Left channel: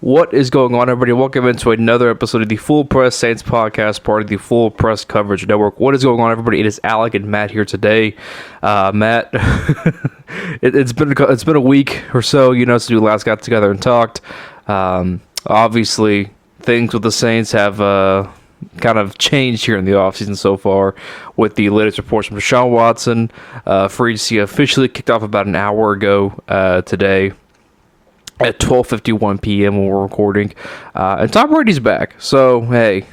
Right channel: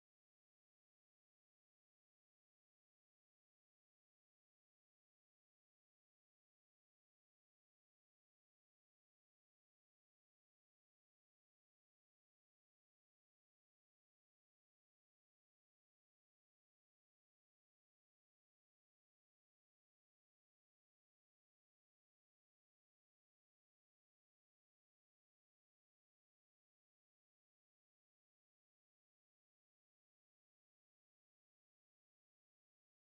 What is going on, everybody? Welcome into another episode of the Full Press Saints podcast, part of the Full Press Coverage Network. What is going on, everybody? It is Alec and Matt here today. Matt, it's been a week or so, since we last got together and talked. Obviously, things with the Saints have kind of changed here in the offseason so far, with the latest reports from Deshaun Watson. Free agency officially kicked off about an hour ago today at 12:51 p.m. when we're recording, and Tom Brady's back. So hey,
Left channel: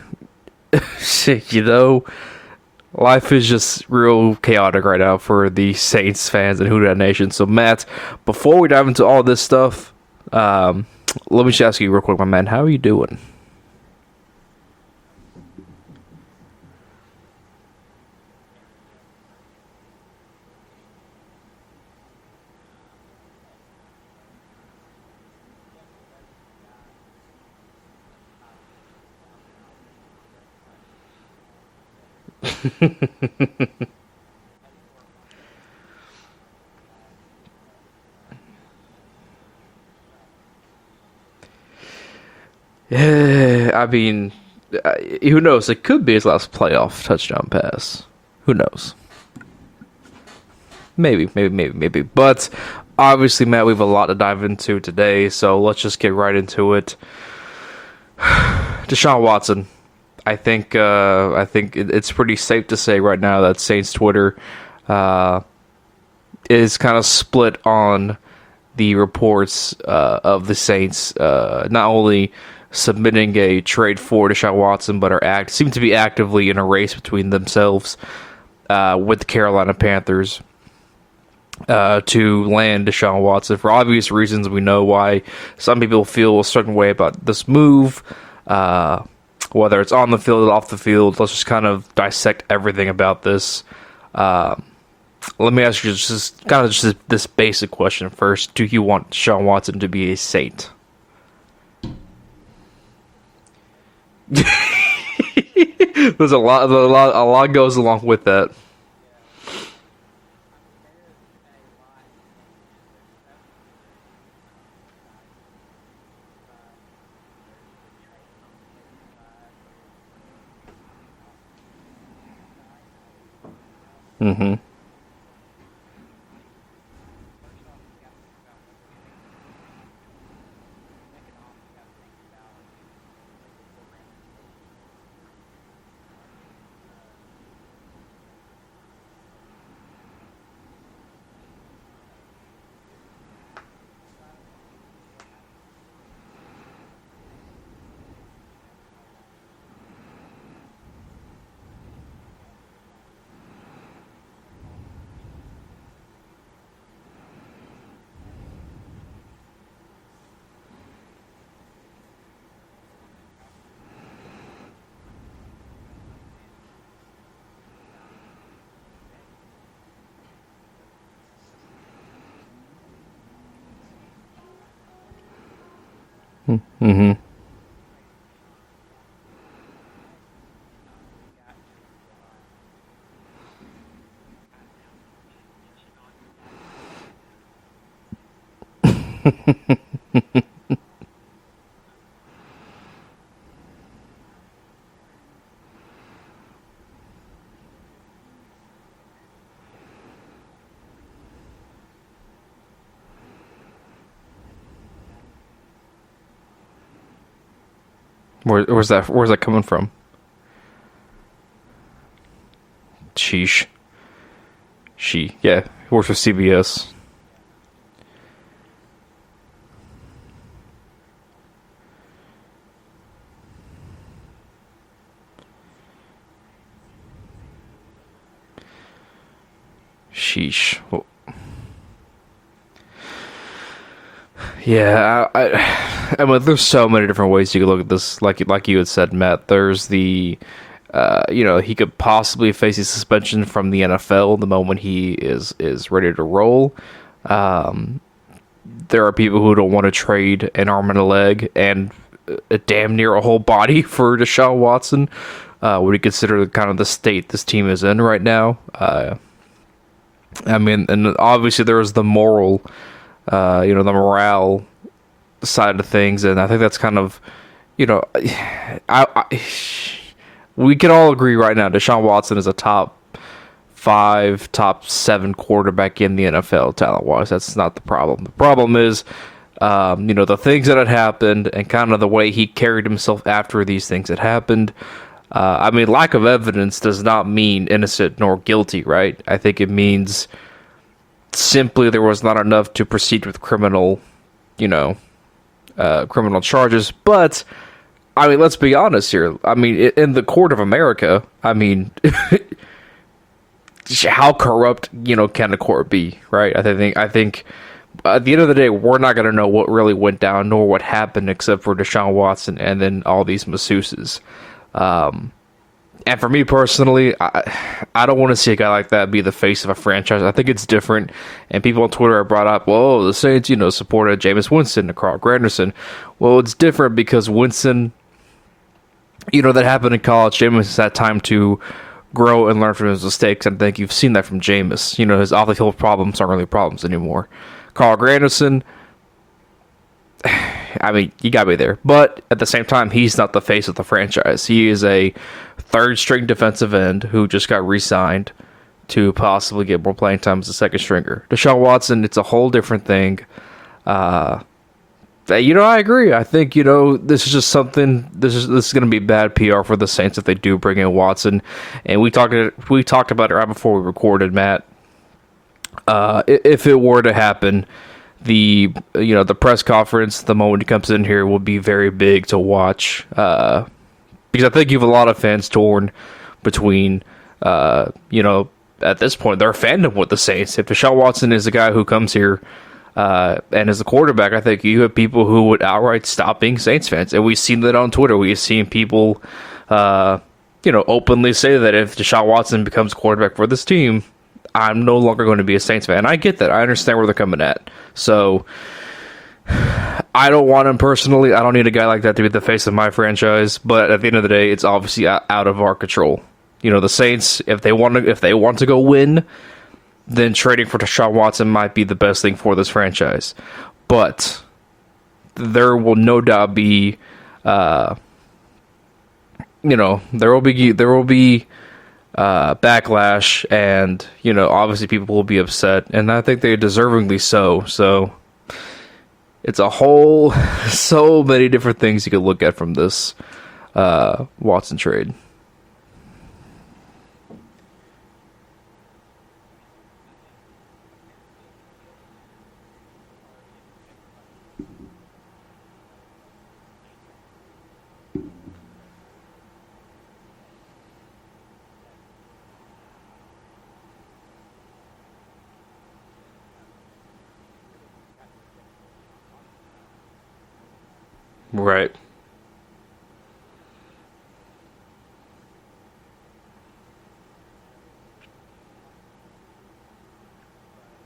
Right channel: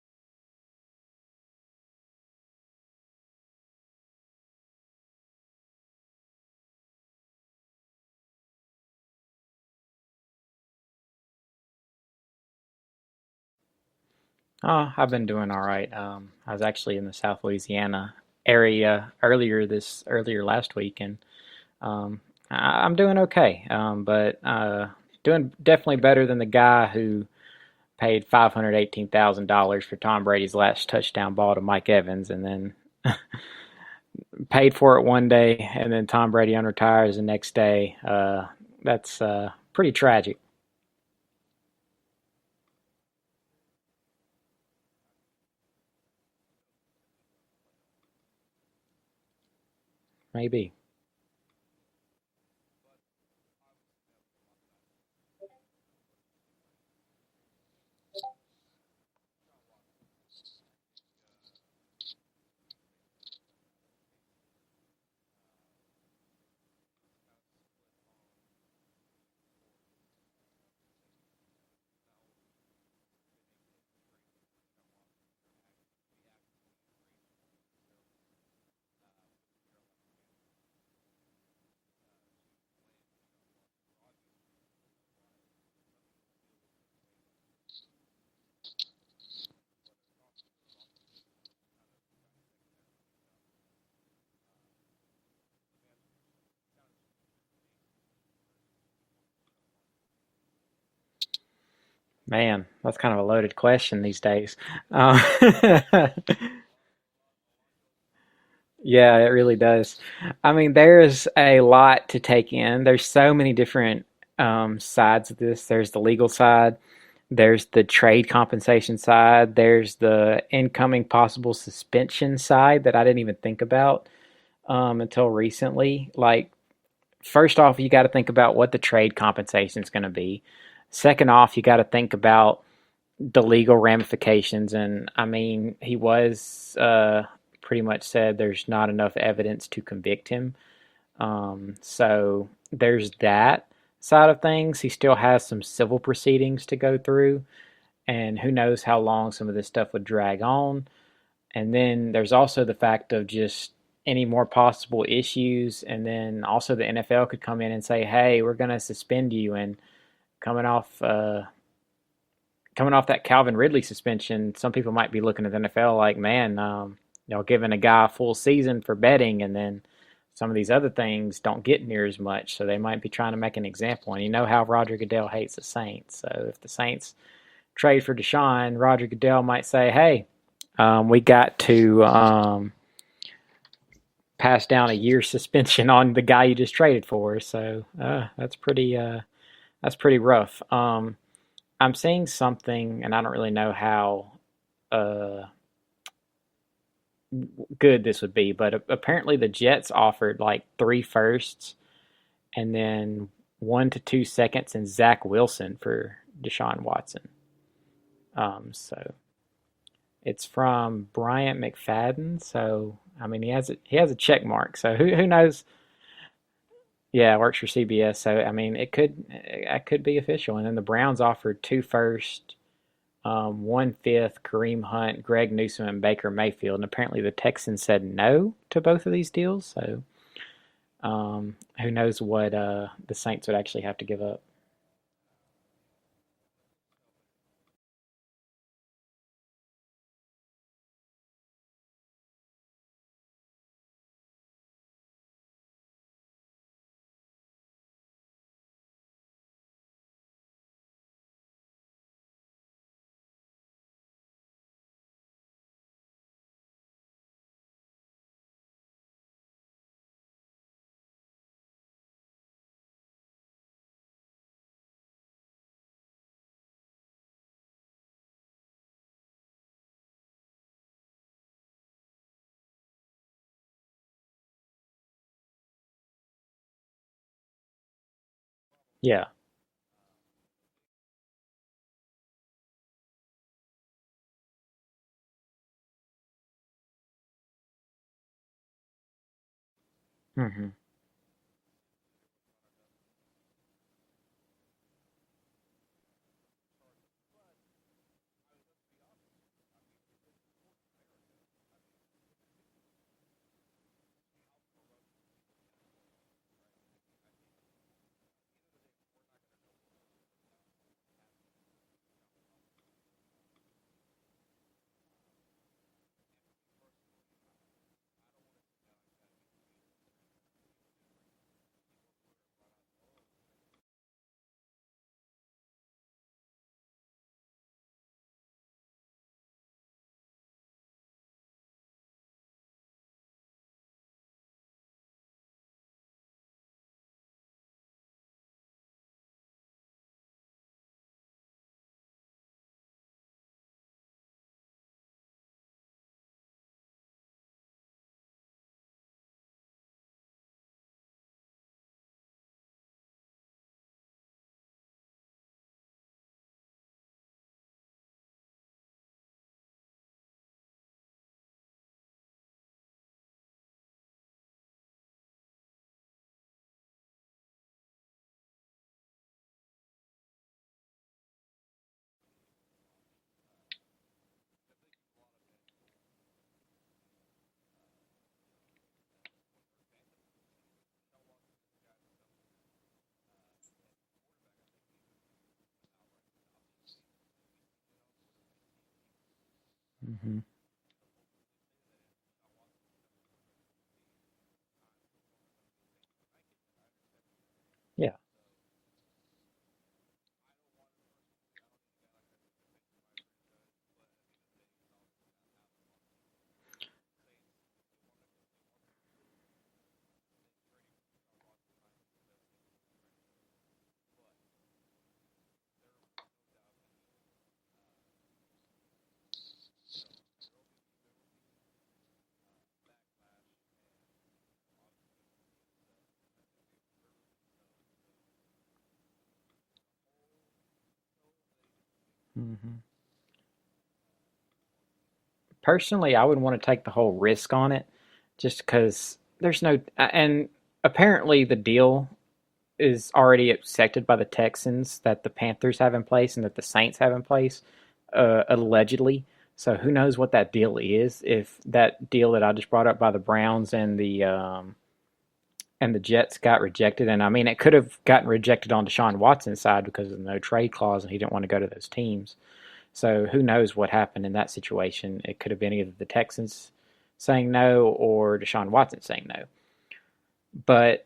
life is just real chaotic right now for the Saints fans and Who Dat Nation. So Matt, before we dive into all this stuff, let me just ask you real quick, my man, how are you doing? Oh, I've been doing all right. I was actually in the South Louisiana area earlier last week, and I'm doing okay. But doing definitely better than the guy who paid $518,000 for Tom Brady's last touchdown ball to Mike Evans, and then paid for it one day, and then Tom Brady unretires the next day. That's pretty tragic. Yeah, I mean, who knows? It could be his last playoff touchdown pass. Who knows? Maybe. But obviously, Matt, we have a lot to dive into today, so let's just get right into it. Deshaun Watson. I think it's pretty safe to say right now that Saints Twitter is kind of split on the reports of the Saints not only submitting a trade for Deshaun Watson, but seem to be actively in a race between themselves with the Carolina Panthers to land Deshaun Watson. For obvious reasons, we know why some people feel a certain way about this move, whether it's on the field or off the field. Let's just kind of dissect everything about this. Let me ask you just this basic question first. Do you want Deshaun Watson to be a Saint? Man, that's kind of a loaded question these days. There's a lot goes along with that. Yeah, it really does. I mean, there's a lot to take in. There's so many different sides of this. There's the legal side. There's the trade compensation side. There's the incoming possible suspension side that I didn't even think about until recently. Like, first off, you got to think about what the trade compensation is going to be. Second off, you got to think about the legal ramifications. And, I mean, he was pretty much said there's not enough evidence to convict him. So there's that side of things. He still has some civil proceedings to go through, and who knows how long some of this stuff would drag on. And then there's also the fact of just any more possible issues, and then also the NFL could come in and say, hey, we're going to suspend you. And coming off that Calvin Ridley suspension, some people might be looking at the NFL like, man, giving a guy a full season for betting, and then some of these other things don't get near as much, so they might be trying to make an example. And you know how Roger Goodell hates the Saints, so if the Saints trade for Deshaun, Roger Goodell might say, hey, we got to pass down a year's suspension on the guy you just traded for, so that's pretty rough. I'm seeing something, and I don't really know how good this would be, but apparently the Jets offered like 3 firsts and then 1 to 2 seconds and Zach Wilson for Deshaun Watson. Where's that coming from? It's from Bryant McFadden, so Sheesh. he has a check mark, so who knows? Yeah, works for CBS. Yeah, works for CBS, so I mean it could be official. And then the Browns offered 2 firsts, 1 fifth, Kareem Hunt, Greg Newsome, and Baker Mayfield. And apparently the Texans said no to both of these deals. So, sheesh. Who knows what the Saints would actually have to give up. Yeah, I mean, there's so many different ways you could look at this. Like you had said, Matt, there's the, he could possibly face a suspension from the NFL the moment he is ready to roll. There are people who don't want to trade an arm and a leg and a damn near a whole body for Deshaun Watson. Would you consider kind of the state this team is in right now? I mean, and obviously there is the moral, the morale side of things, and I think that's kind of, you know, I we can all agree right now Deshaun Watson is a top 5, top 7 quarterback in the NFL talent wise. That's not the problem. The problem is, Yeah. the things that had happened and kind of the way he carried himself after these things had happened. I mean, lack of evidence does not mean innocent nor guilty, right? I think it means Hmm. simply there was not enough to proceed with criminal charges. But I mean, let's be honest here. I mean, in the court of America, I mean, how corrupt can the court be, right? I think at the end of the day, we're not going to know what really went down nor what happened, except for Deshaun Watson and then all these masseuses. And for me personally, I don't want to see a guy like that be the face of a franchise. I think it's different. And people on Twitter have brought up, well, the Saints, supported Jameis Winston and Carl Granderson. Well, it's different because Winston, that happened in college. Jameis had time to grow and learn from his mistakes. And I think you've seen that from Jameis. His off-the-field problems aren't really problems anymore. Carl Granderson, I mean, you got me there. But at the same time, he's not the face of the franchise. He is a third-string defensive end who just got re-signed to possibly get more playing time as a second stringer. Deshaun Watson, it's a whole different thing. I agree. I think, this is just something. This is going to be bad PR for the Saints if they do bring in Watson. And we talked about it right before we recorded, Matt. If it were to happen, the press conference, the moment he comes in here, will be very big to watch. Because I think you have a lot of fans torn between, at this point, their fandom with the Saints. If Deshaun Watson is the guy who comes here and is the quarterback, I think you have people who would outright stop being Saints fans. And we've seen that on Twitter. We've seen people, openly say that if Deshaun Watson becomes quarterback for this team, I'm no longer going to be a Saints fan. I get that. I understand where they're coming at. Yeah. So I don't want him personally. I don't need a guy like that to be the face of my franchise. But at the end of the day, it's obviously out of our control. The Saints, if they want to go win, then trading for Deshaun Watson might be the best thing for this franchise. But there will no doubt be, there will be backlash, and obviously people will be upset, and I think they deservingly so. It's a whole so many different things you could look at from this Watson trade. Personally, I would want to take the whole risk on it, just because there's no, and apparently the deal is already accepted by the Texans that the Panthers have in place and that the Saints have in place, allegedly. So who knows what that deal is? If that deal that I just brought up by the Browns and the Jets got rejected, and I mean it could have gotten rejected on Deshaun Watson's side because of the no trade clause, and he didn't want to go to those teams. So who knows what happened in that situation? It could have been either the Texans saying no or Deshaun Watson saying no. But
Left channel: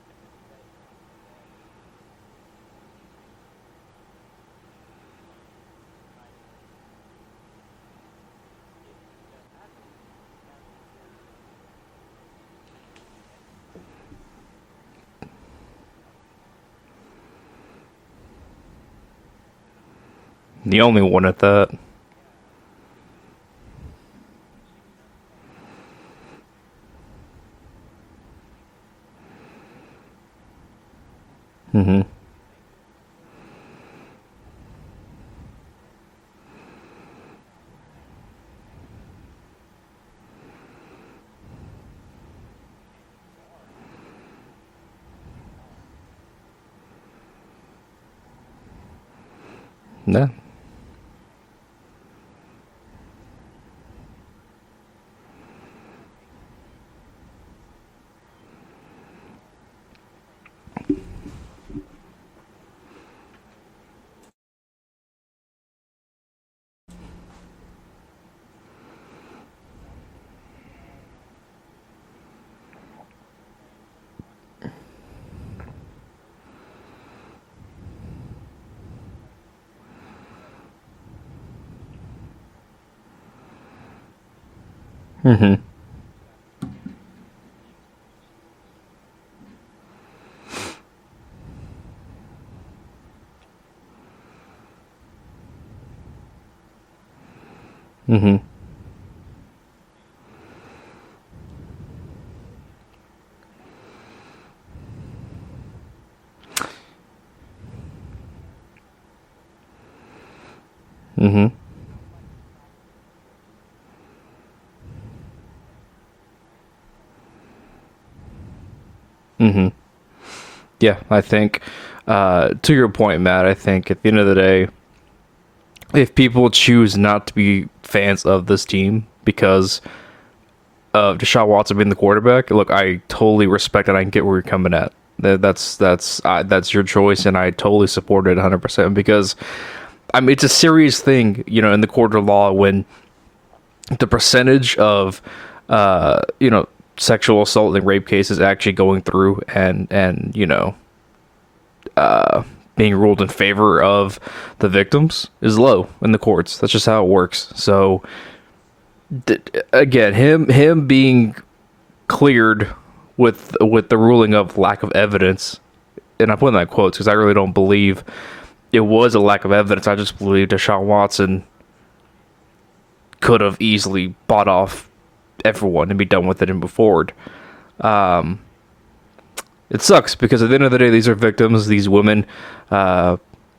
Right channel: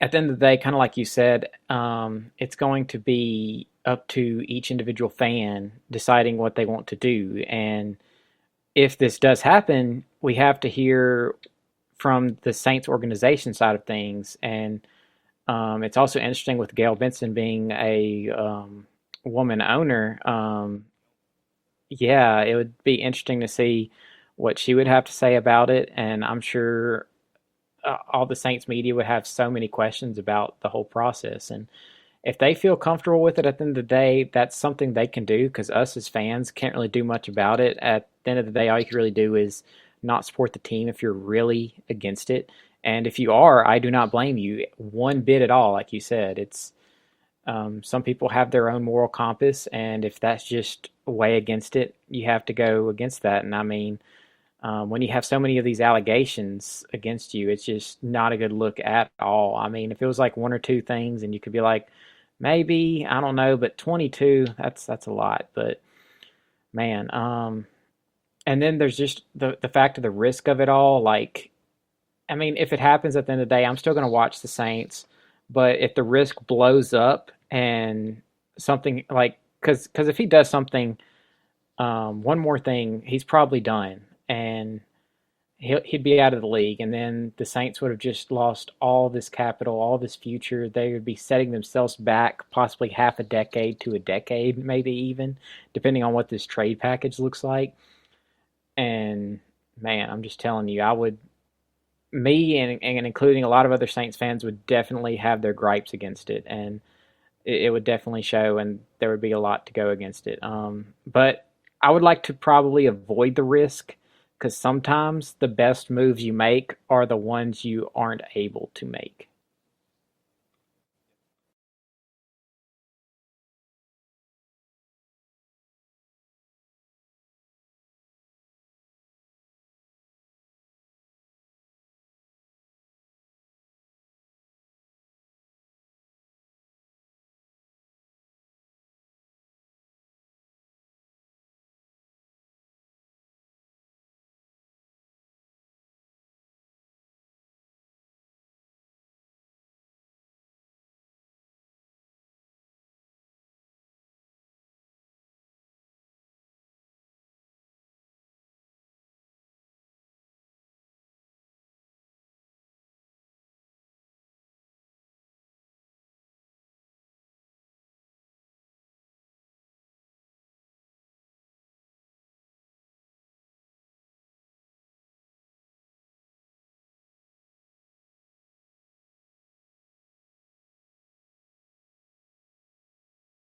at the end of the day, kind of like you said, it's going to be up to each individual fan deciding what they want to do. And if this does happen, we have to hear from the Saints organization side of things. And it's also interesting with Gail Benson being a woman owner. The only one at that. Yeah, it would be interesting to see what she would have to say about it. And I'm sure all the Saints media would have so many questions about the whole process. And if they feel comfortable with it at the end of the day, that's something they can do, because us as fans can't really do much about it. At the end of the day, all you can really do is not support the team if you're really against it. And if you are, I do not blame you one bit at all. Like you said, it's some people have their own moral compass, and if that's just way against it, you have to go against that. And I mean, when you have so many of these allegations against you, it's just not a good look at all. I mean, if it was like one or two things and you could be like, maybe, I don't know, but 22, that's a lot. But man, and then there's just the fact of the risk of it all. Like, I mean, if it happens at the end of the day, I'm still going to watch the Saints. But if the risk blows up and something like, because if he does something, one more thing, he's probably done. And Hmm. He'd be out of the league, and then the Saints would have just lost all this capital, all this future. They would be setting themselves back possibly half a decade to a decade, maybe even, depending on what this trade package looks like. Hmm. And man, I'm just telling you, I would, me and including a lot of other Saints fans would definitely have their gripes against it, and it would definitely show, and there would be a lot to go against it. But Hmm. I would like to probably avoid the risk because sometimes the best moves you make are the ones you aren't able to make. Hmm. Yeah, I think to your point, Matt, I think at the end of the day, if people choose not to be fans of this team because of Deshaun Watson being the quarterback, look, I totally respect it. I can get where you're coming at. That's your choice, and I totally support it 100% because I mean it's a serious thing, in the court of law when the percentage of sexual assault and rape cases actually going through and being ruled in favor of the victims is low in the courts. That's just how it works. So again, him being cleared with the ruling of lack of evidence, and I put in that quotes because I really don't believe it was a lack of evidence. I just believe Deshaun Watson could have easily bought off everyone and be done with it and move forward. It sucks because at the end of the day, these are victims, these women,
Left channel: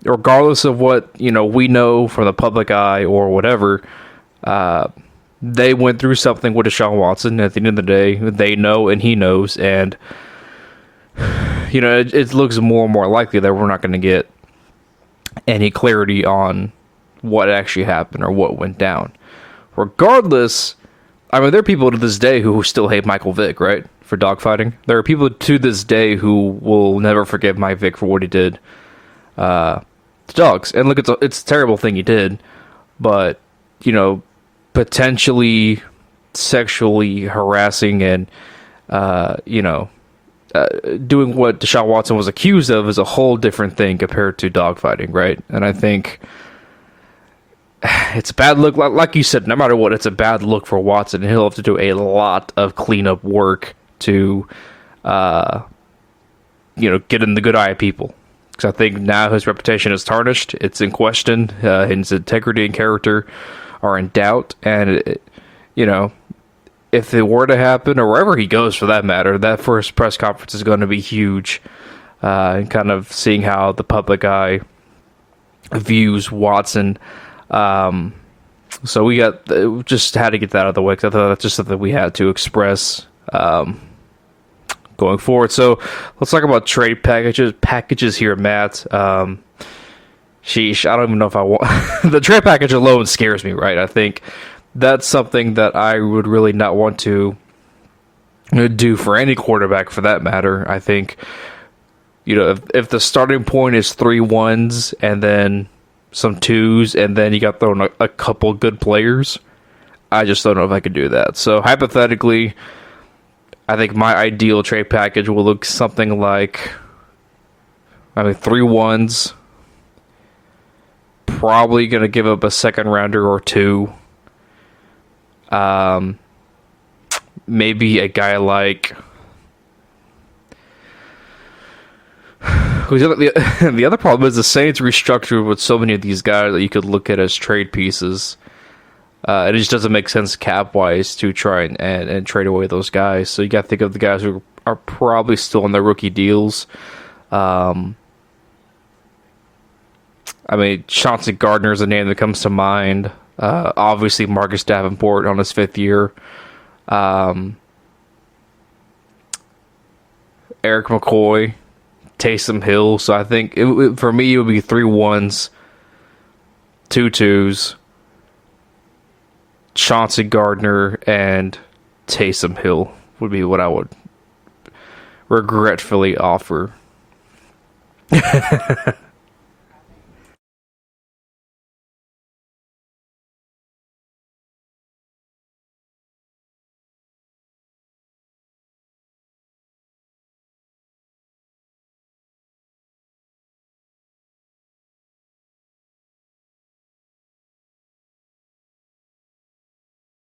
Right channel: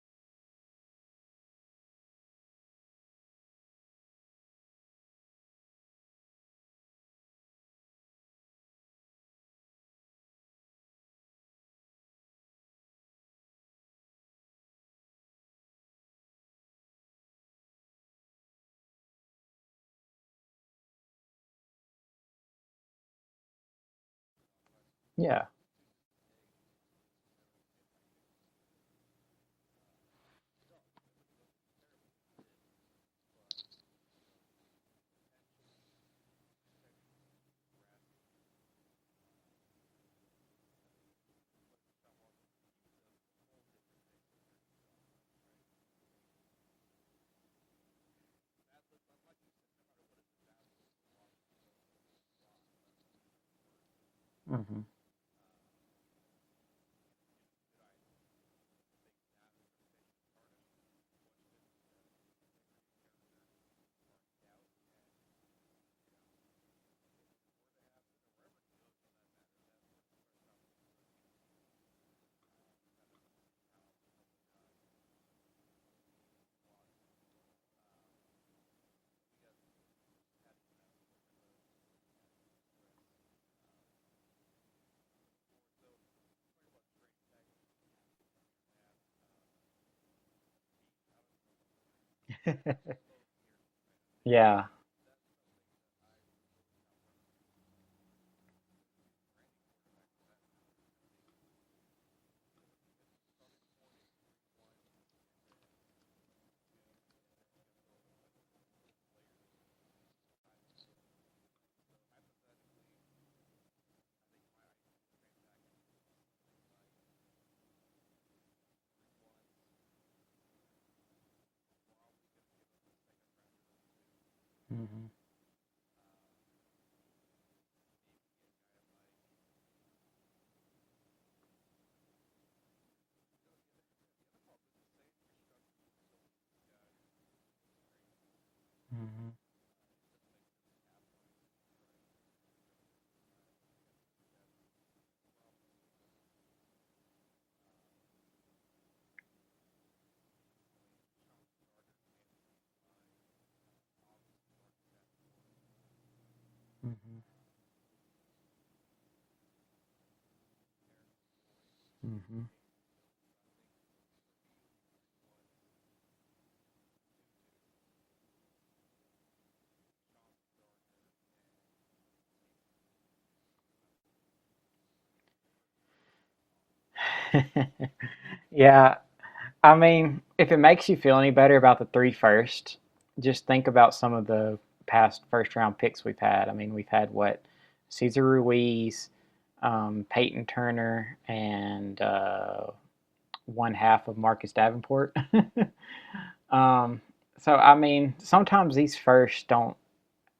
regardless of what we know from the public eye or whatever. They went through something with Deshaun Watson. At the end of the day, they know and he knows, and it looks more and more likely that we're not going to get any clarity on what actually happened or what went down. Regardless, I mean, there are people to this day who still hate Michael Vick, right? For dogfighting. There are people Yeah. to this day who will never forgive Mike Vick for what he did to dogs. And look, it's a terrible thing he did, but, potentially sexually harassing and, doing what Deshaun Watson was accused of is a whole different thing compared to dogfighting, right? And I think it's a bad look. Like you said, no matter what, it's a bad look for Watson. He'll have to do a lot of cleanup work to, Mm-hmm. get in the good eye of people. Because I think now his reputation is tarnished. It's in question. His integrity and character are in doubt. And, if it were to happen, or wherever he goes for that matter, that first press conference is going to be huge. And kind of seeing how the public eye views Watson. So we just had to get that out of the way because I thought that's just something we had to express going forward. So let's talk about trade packages here, Matt. Sheesh, I don't even know if I want the trade package alone scares me, right? I think Yeah. that's something that I would really not want to do for any quarterback for that matter. I think if the starting point is 3 1s and then some 2s and then you got thrown a couple good players, I just don't know if I could do that. So hypothetically, I think my ideal trade package will look something like 3 1s. Probably going to give up a second rounder or two. Maybe a guy like the other problem is the Saints restructured with so many of these guys that you could look at as trade pieces. It just doesn't make sense cap wise to try and trade away those guys. So you got to think of the guys who are probably still on their rookie deals. Chauncey Gardner is a name that comes to mind. Obviously, Marcus Davenport on his 5th year. Eric McCoy, Taysom Hill. So I think for me, it would be 3 1s, 2 2s, Chauncey Gardner, and Taysom Hill would be what I would regretfully offer. Yeah. I mean, if it makes you feel any better about the three first, just think about some of the past first round picks we've had. I mean, we've had what? Cesar Ruiz, Peyton Turner, and one half of Marcus Davenport. um, so, I mean, sometimes these first don't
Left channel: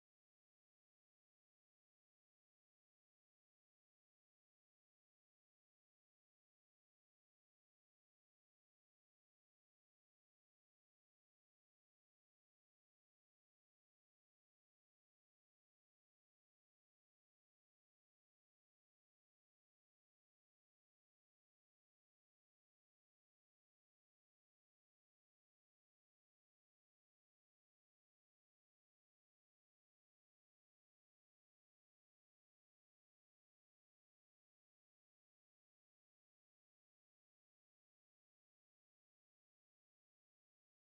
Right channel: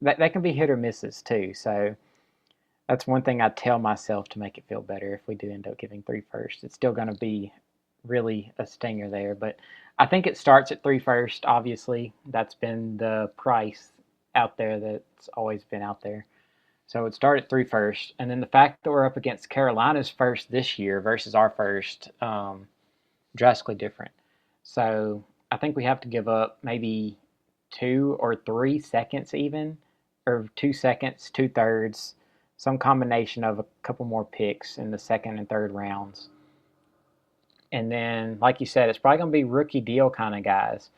that can be hit or misses too. So that's one thing I tell myself to make it feel better. If we do end up giving three first, it's still going to be really a stinger there. But I think it starts at three first. Obviously, that's been the price out there that's always been out there. So it started at three first, and then the fact that we're up against Carolina's first this year versus our first, drastically different. So I think we have to give up maybe 2 or 3 seconds, even, or 2 seconds, two thirds, some combination of a couple more picks in the second and third rounds. And then, like you said, it's probably going to be rookie deal kind of guys.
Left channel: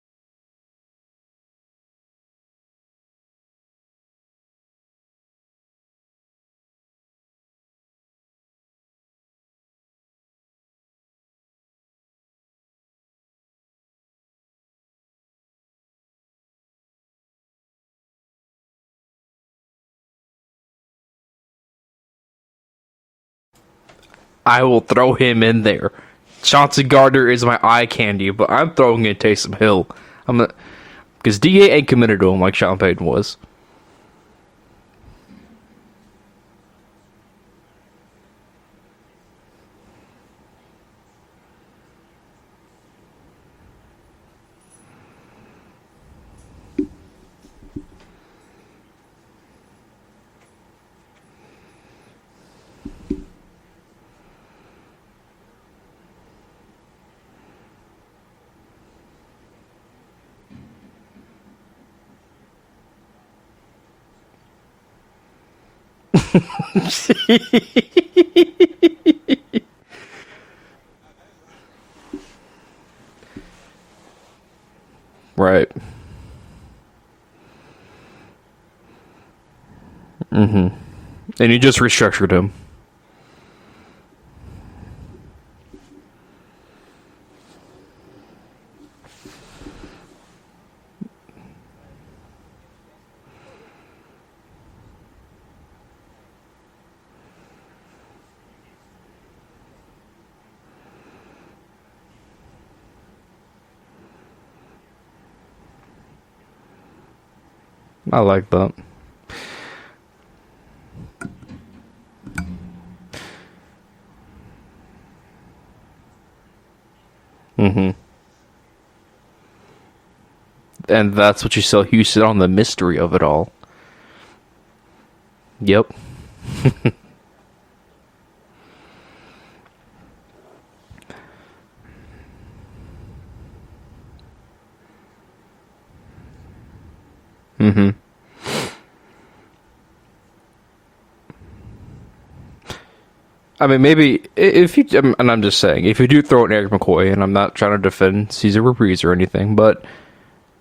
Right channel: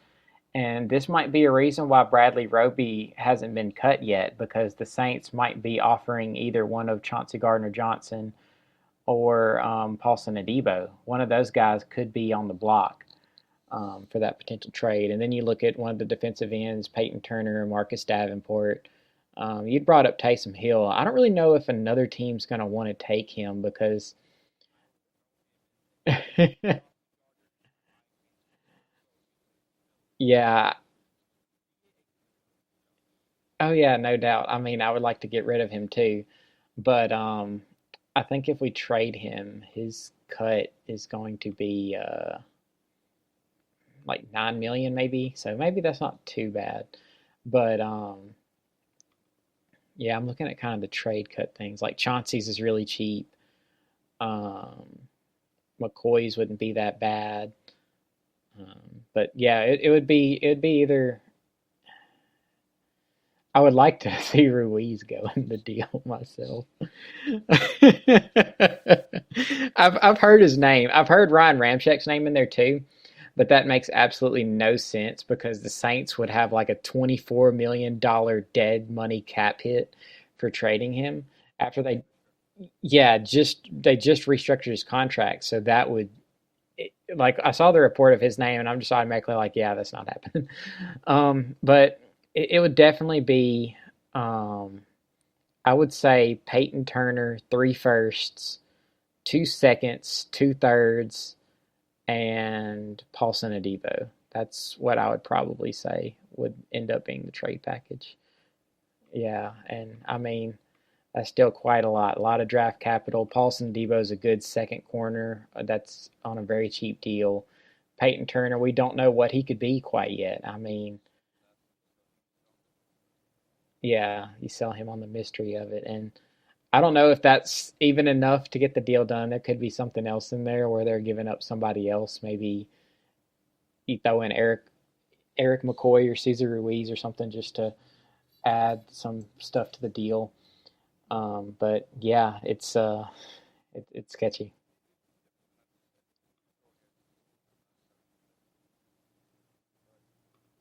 And this might be a reason why Bradley Roby hasn't been cut yet, because the Saints might be offering either one of Chauncey Gardner-Johnson or Paulson Adebo. One of those guys could be on the block for that potential trade. And then you look at one of the defensive ends, Peyton Turner and Marcus Davenport. You'd brought up Taysom Hill. I don't really know if another team's going to want to take him because I will throw him in there. Chauncey Gardner is my eye candy, but I'm throwing in Taysom Hill. yeah. Because DA ain't committed to him like Sean Payton was. Oh yeah, no doubt. I mean, I would like to get rid of him too, but I think if we trade him, his cut is going to be like 9 million, maybe. So maybe that's not too bad. But yeah, I'm looking at kind of the trade cut things. Like Chauncey's is really cheap. Um, McCoy's wouldn't be that bad. Um, but yeah, it would be either. I would like to see Ruiz go in the deal myself. I've heard his name. I've heard Ryan Ramczak's name in there too, but that makes absolutely no sense because Right. the Saints would have like a $24 million dead money cap hit for trading him. And you just After they- restructured him. Yeah, they just restructured his contract, so that would like I saw the report of his name, and I'm just automatically like, yeah, that's not happening. But it would definitely be, I would say Peyton Turner, three firsts, 2 seconds, two thirds, and Paulson Adebo. That's what I would probably say would end up being the trade package. I like that. Yeah, and I mean, that's still quite a lot. A lot of draft capital. Paulson Adebo is a good second corner. That's on a very cheap deal. Mm-hmm. Peyton Turner, we don't know what he could be quite yet. I mean, And that's what you sell Houston on, the mystery of it all. yeah, you sell him on the mystery of Yep. it. And I don't know if that's even enough to get the deal done. There could be something else in there where they're giving up somebody else. Maybe you throw in Eric McCoy or Cesar Ruiz or something just to add some stuff to the deal. But yeah, it's I mean, maybe sketchy. if you, and I'm just saying, if you do throw in Eric McCoy, and I'm not trying to defend Cesar Ruiz or anything, but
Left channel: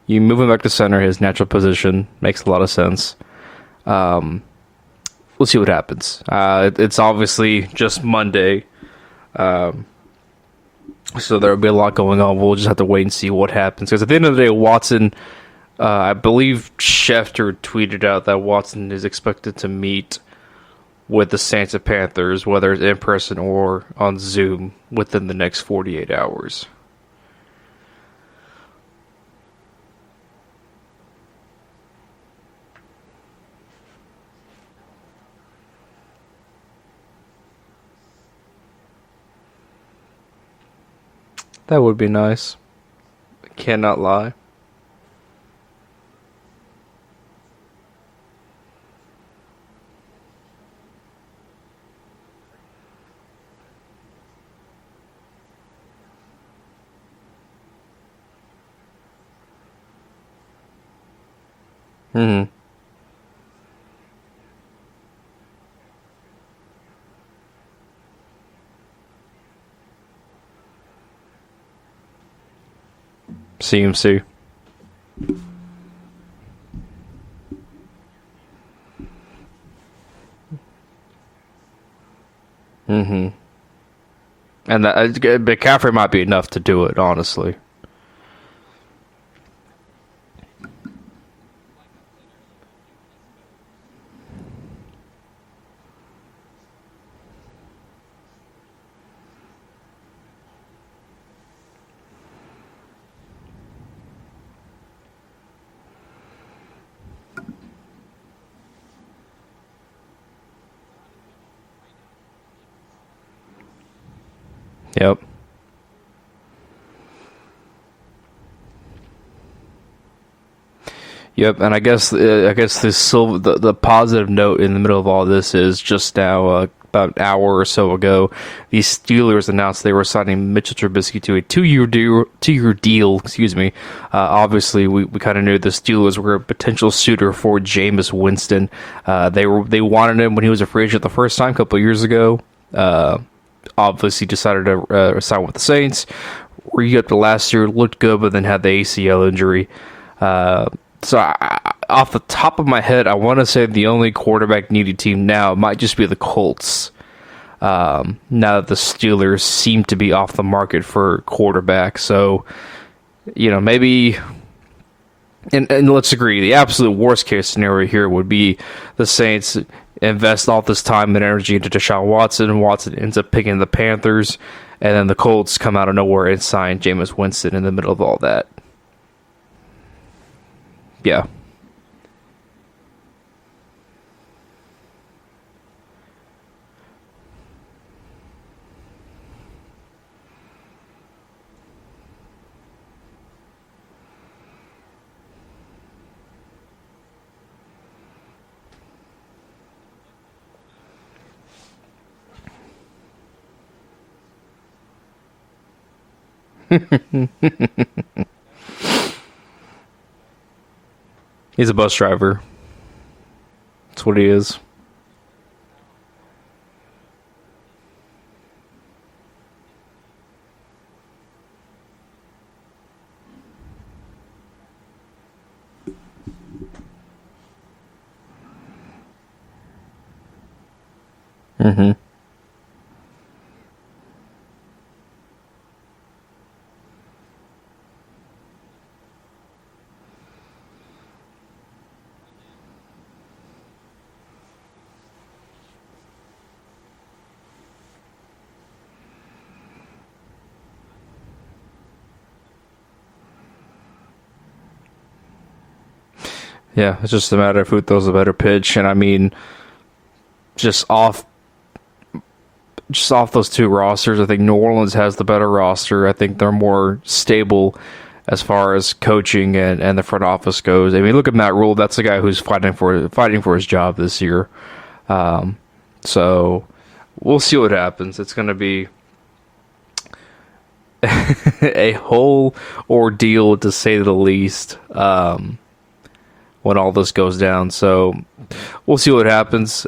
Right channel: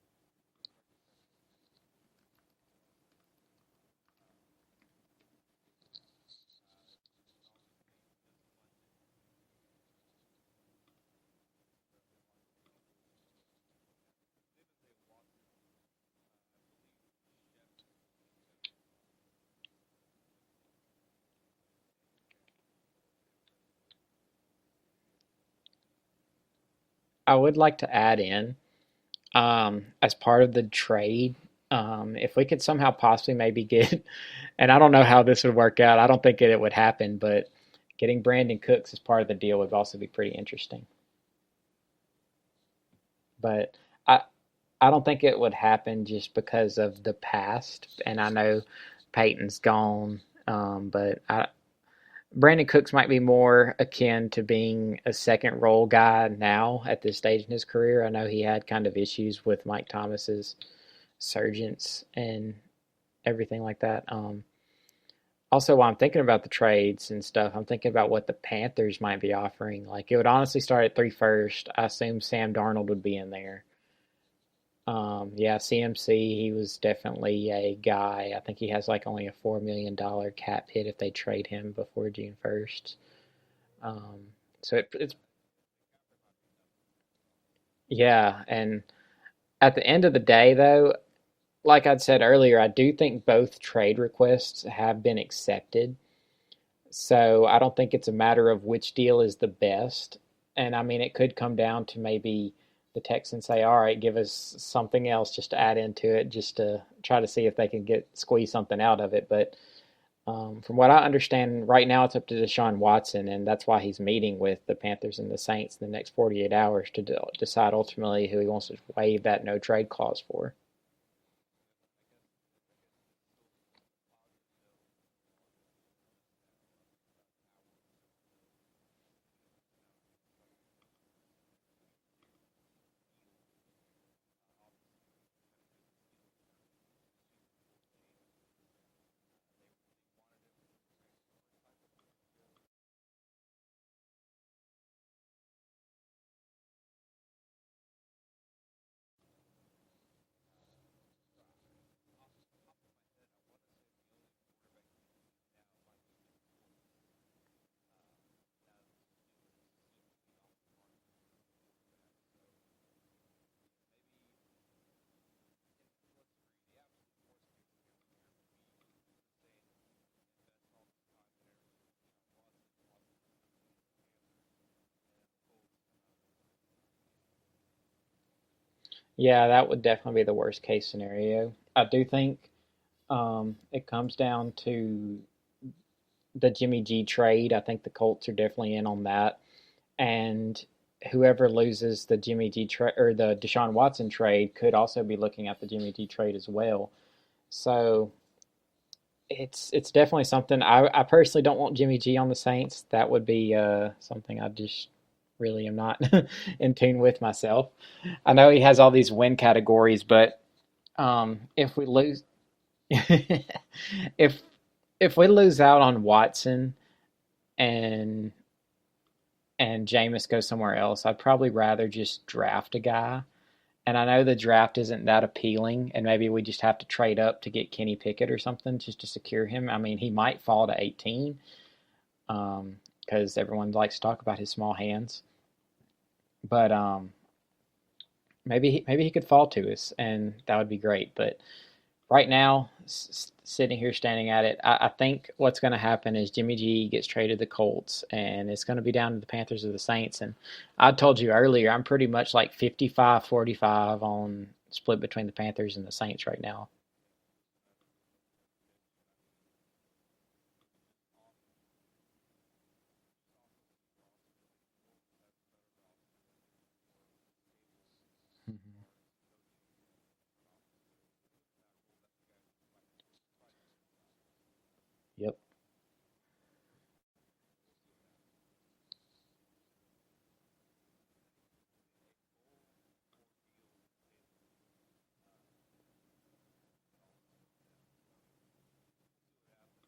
you move him back to center, his natural position makes a lot of sense. We'll see what happens. It's obviously just Monday, so there will be a lot going on. We'll just have to wait and see what happens. Because at the end of the day, Watson, I believe Schefter tweeted out that Watson is expected to meet with the Saints and Panthers, whether it's in person or on Zoom, within the next 48 hours. I would like to add in, as part of the trade, if we could somehow possibly maybe get, and I don't know how this would work out. I don't think it would happen, but getting Brandon Cooks as part of the deal would also be pretty interesting. That would be nice. But Cannot lie. I don't think it would happen just because of the past, and I know Peyton's gone. But Brandon Cooks might be more akin to being a second role guy now at this stage in his career. I know he had kind of issues with Mike Thomas's surgeons and everything like that. Also, while I'm thinking about the trades and stuff, I'm thinking about what the Panthers might be offering. Like, it would honestly start at three first. I assume Sam Darnold would be in there. CMC. Yeah, CMC, he was definitely a guy. I think he has like only a $4 million cap hit if they trade him before June 1st. Mm-hmm. So And McCaffrey might be enough to do it, honestly. yeah, and at the end of the day, though, like I'd said earlier, I do think both trade requests have been accepted. So I don't think it's a matter of which deal is the best. And I mean, it could come down to maybe the Texans say, all right, give us something else just to add into it, just to try to see if they can squeeze something out of it. But from what I understand, right now it's up to Deshaun Watson, and that's why he's meeting with the Yep. Panthers and the Saints in the next 48 hours to decide ultimately who he wants to waive that no trade clause for. Yep, and I guess the positive note in the middle of all this is just now, about an hour or so ago, the Steelers announced they were signing Mitchell Trubisky to a two-year deal. Excuse me. Obviously, we kind of knew the Steelers were a potential suitor for Jameis Winston. They wanted him when he was a free agent the first time a couple of years ago. Obviously, decided to sign with the Saints. Re-up to last year, looked good, but then had the ACL injury. So off the top of my head, I want to say the only quarterback needy team now might just be the Colts. Now that the Steelers seem to be off the market for quarterback. So, maybe, and let's agree, the absolute worst case scenario here would be the Saints invest all this time and energy into Deshaun Watson, and Watson ends up picking the Panthers, and then the Colts come out of nowhere and sign Jameis Winston in the middle of all that. Yeah, that would definitely be the worst case scenario. Yeah. I do think it comes down to the Jimmy G trade. I think the Colts are definitely in on that. And whoever loses the Jimmy G trade or the Deshaun Watson trade could also be looking at the Jimmy G trade as well. So it's definitely something. I personally don't want Jimmy G on the Saints. That would be something I just really am not in tune with myself. I know he has all these win categories, but he's a bus driver. That's what he is. If we lose out on Watson and Jameis goes somewhere else, I'd probably rather just draft a guy. And I know the draft isn't that appealing, and maybe we just have to trade up to get Kenny Pickett or something just to secure him. I mean, he might fall to 18 because everyone likes to talk about his small hands. But maybe he could fall to us, and that would be great. But right now, sitting here standing at it, I think what's going to happen is Jimmy G gets traded to the Colts, and it's going to be down to the Panthers or the Saints. And I told you earlier, I'm pretty much like 55-45 on split between the Panthers and the Saints right now. Yeah, it's just a matter of who throws a better pitch. And I mean, just off those two rosters, I think New Orleans has the better roster. I think they're more stable as far as coaching and the front office goes. I mean, look at Matt Rule. That's the guy who's fighting for his job this year. So we'll see what happens. It's going to be a whole ordeal, to say the least, when all this goes down. So we'll see what happens.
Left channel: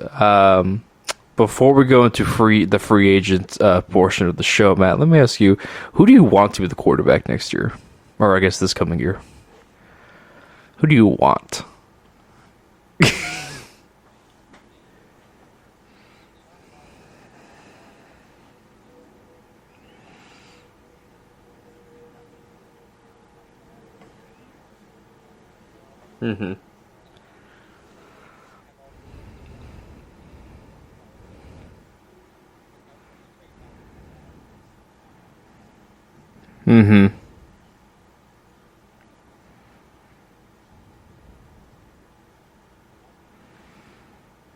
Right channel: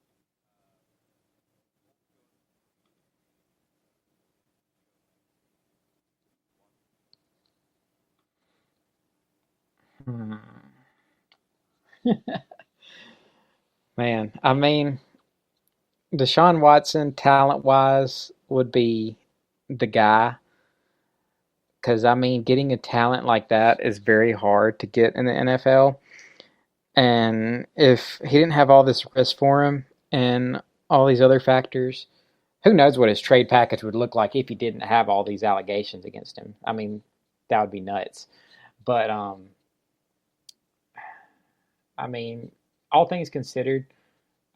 Before we go into the free agent portion of the show, Matt, let me ask you, who do you want to be the quarterback next year? Or I guess this coming year. Who do you want? Man, I mean, Deshaun Watson, talent-wise, would be the guy. Because, I mean, getting a talent like that is very hard to get in the NFL. Mm-hmm. And if he didn't have all this risk for him and all these other factors, who knows what his trade package would look like if he didn't have all these allegations against him. I mean, that would be nuts. But, I mean, all things considered,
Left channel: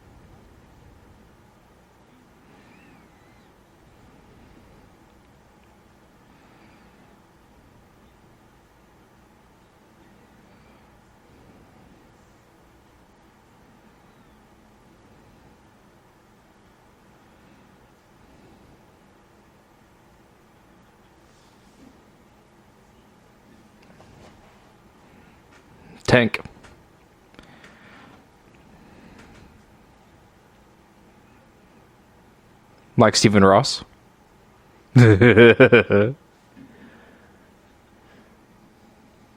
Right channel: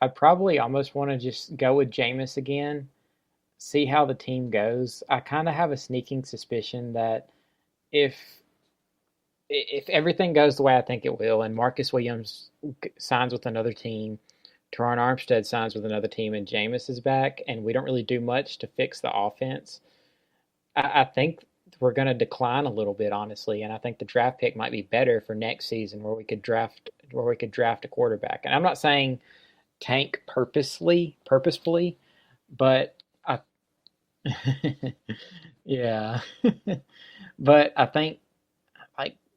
I probably almost want to just go with Jameis again, see how the team goes. I kind of have a sneaking suspicion that if everything goes the way I think it will, and Marcus Williams signs with another team, Teron Armstead signs with another team, and Jameis is back, and we don't really do much to fix the offense, I think we're going to decline a little bit, honestly, and I think the draft pick might be better for next season where we could draft a quarterback. And I'm not saying tank purposefully, but like Stephen Ross. Yeah. But I think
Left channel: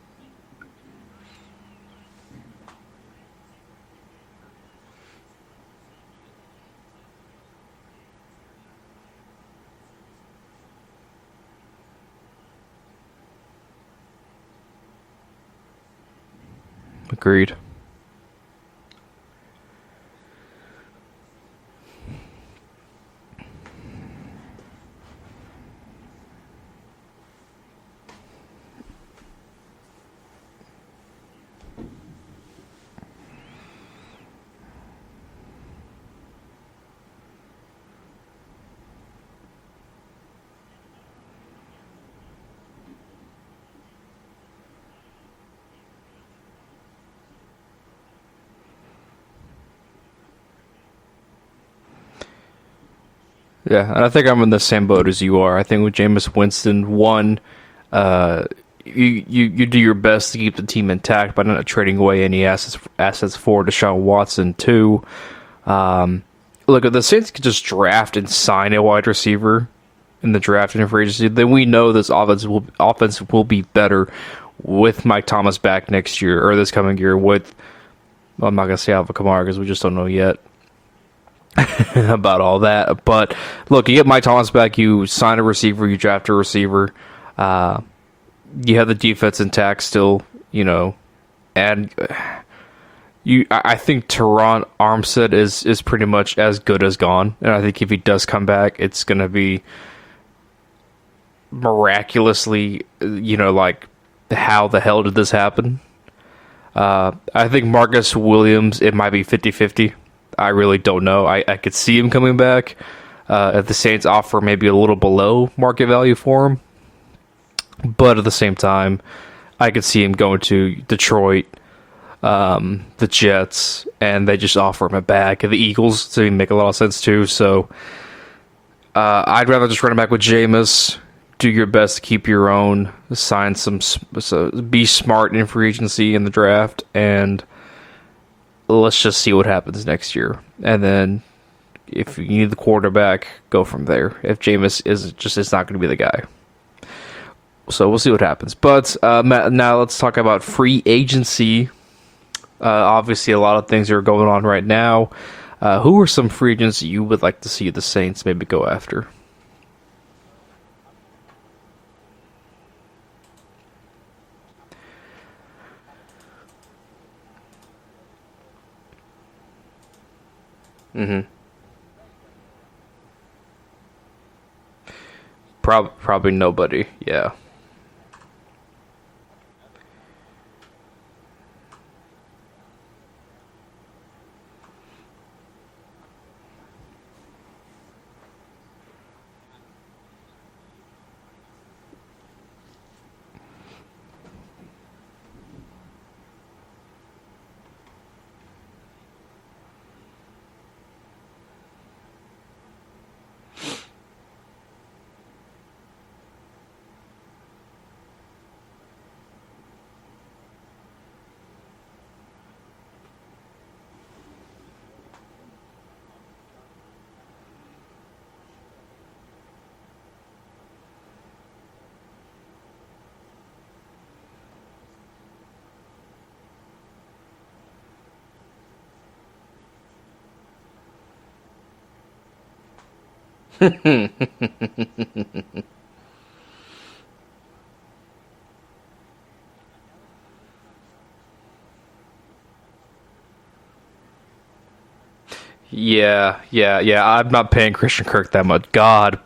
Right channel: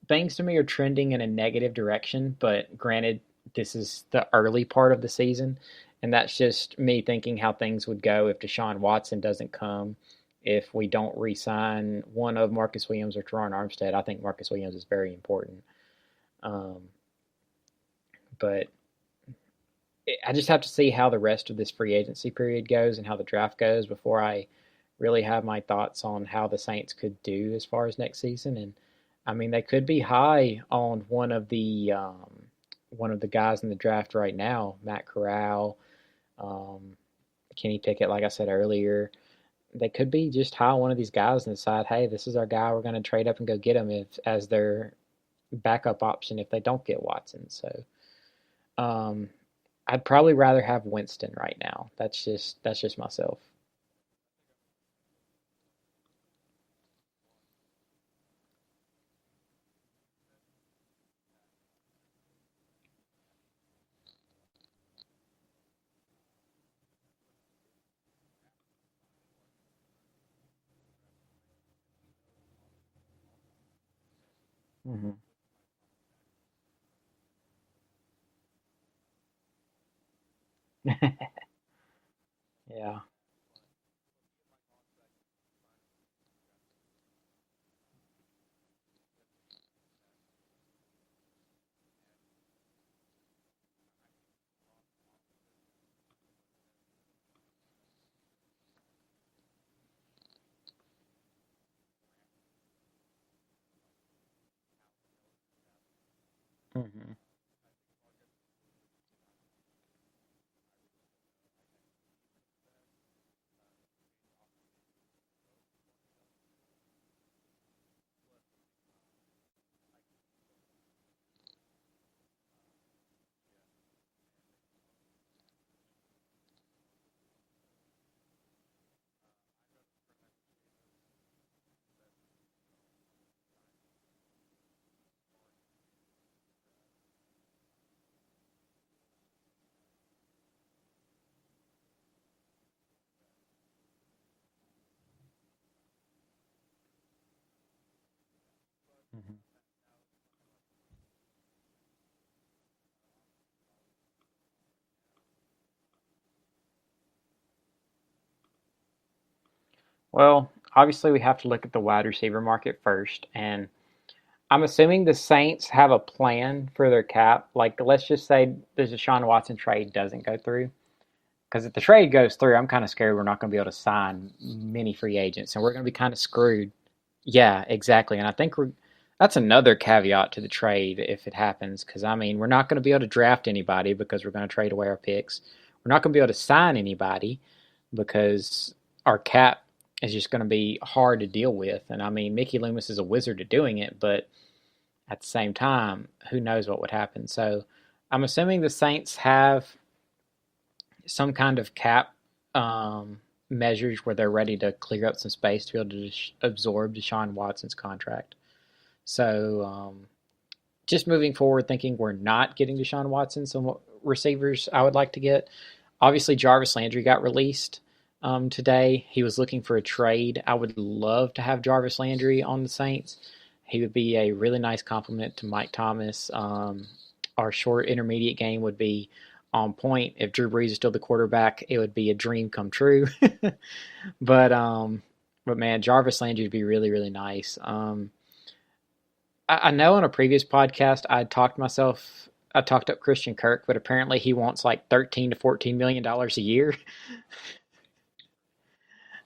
things to me are trending in a negative direction, but granted, this is the early part of the season, and that's just me thinking how things would go if Deshaun Watson doesn't come, if we don't re-sign one of Marcus Williams or Teron Armstead. I think Marcus Williams is very important. Agreed. But I just have to see how the rest of this free agency period goes and how the draft goes before I really have my thoughts on how the Saints could do as far as next season. And I mean, they could be high on one of the guys in the draft right now, Matt Corral, um, Kenny Pickett, like I said earlier. They could be just high on one of these guys and decide, hey, this is our guy. We're going to trade up and go get him as their backup option if they don't get Watson. So um, I'd probably rather have Winston right now. That's just myself. Yeah, and I think I'm in the same boat as you are. I think with Jameis Winston, one, uh, you do your best to keep the team intact by not trading away any assets for Deshaun Watson. Two, look, if the Saints could just draft and sign a wide receiver in the draft and in free agency, then we know this offense will be better with Mike Thomas back next year or this coming year. With well, I'm not gonna say Alvin Kamara because we just don't know yet about all that. But look, you get Mike Thomas back, you sign a receiver, you draft a receiver. You have the defense intact still, and I think Teron Armstead is pretty much as good as gone, and I think if he does come back, it's gonna be miraculously, like how the hell did this happen? I think Marcus Williams, it might be 50-50. I really don't know. I could see him coming back if the Saints offer maybe a little below market value for him. But at the same time, I could see him going to Detroit, the Jets, and they just offer him a bag. The Eagles, so he make a lot of sense too. So I'd rather just run it back with Jameis. Do your best to keep your own. Sign be smart in free agency in the draft, and let's just see what happens next year. And then if you need the quarterback, go from there. If Jameis is not going to be the guy. So we'll see what happens. But Matt, now let's talk about free agency. Obviously, a lot of things are going on right now. Who are some free agents you would like to see the Saints maybe go after? Well, obviously we have to look at the wide receiver market first, and I'm assuming the Saints have a plan for their cap. Like, let's just say the Deshaun Watson trade doesn't go through. Mm-hmm. Because if the trade goes through, I'm kind of scared we're not going to be able to sign many free agents, and we're going to be kind of probably screwed. nobody. Yeah. Yeah, exactly. And I think that's another caveat to the trade if it happens. Because I mean, we're not going to be able to draft anybody because we're going to trade away our picks. We're not going to be able to sign anybody because our cap is just going to be hard to deal with. And I mean, Mickey Loomis is a wizard at doing it, but at the same time, who knows what would happen? So I'm assuming the Saints have some kind of cap measures where they're ready to clear up some space to be able to absorb Deshaun Watson's contract. So just moving forward, thinking we're not getting Deshaun Watson, some receivers I would like to get. Obviously, Jarvis Landry got released today. He was looking for a trade. I would love to have Jarvis Landry on the Saints. He would be a really nice compliment to Mike Thomas. Our short intermediate game would be on point. If Drew Brees is still the quarterback, it would be a dream come true. But man, Jarvis Landry would be really, really nice. I know on a previous podcast I talked up Christian Kirk, but apparently he wants like $13 to $14 million a year. Yeah. I'm not paying Christian Kirk that much. God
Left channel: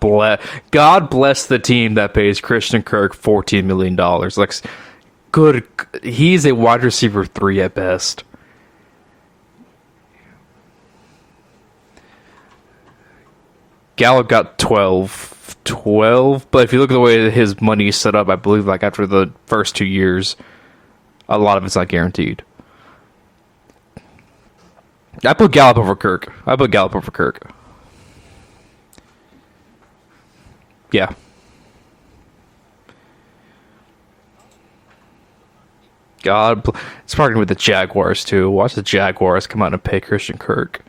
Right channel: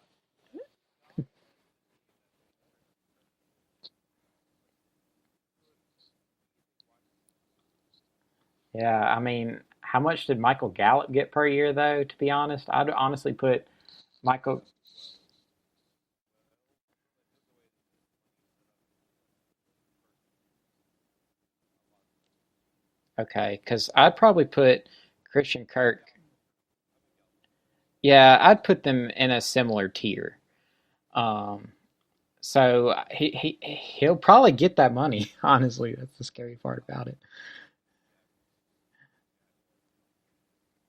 bless the team that pays Christian Kirk $14 million. Like, good. He's a wide receiver 3 at best. Yeah, I mean, how much did Michael Gallup get per year, though, to be honest? I'd honestly put Gallup got 12, but if you look at the way his money is set up, I believe like after the first 2 years, a lot of it's not guaranteed. Okay, because I'd probably put... I put Gallup over Kirk. Yeah, I'd put them in a similar tier. Yeah. So he'll probably get that money, honestly. It's partnering with the Jaguars, too. Watch the Jaguars come out and pay Christian Kirk.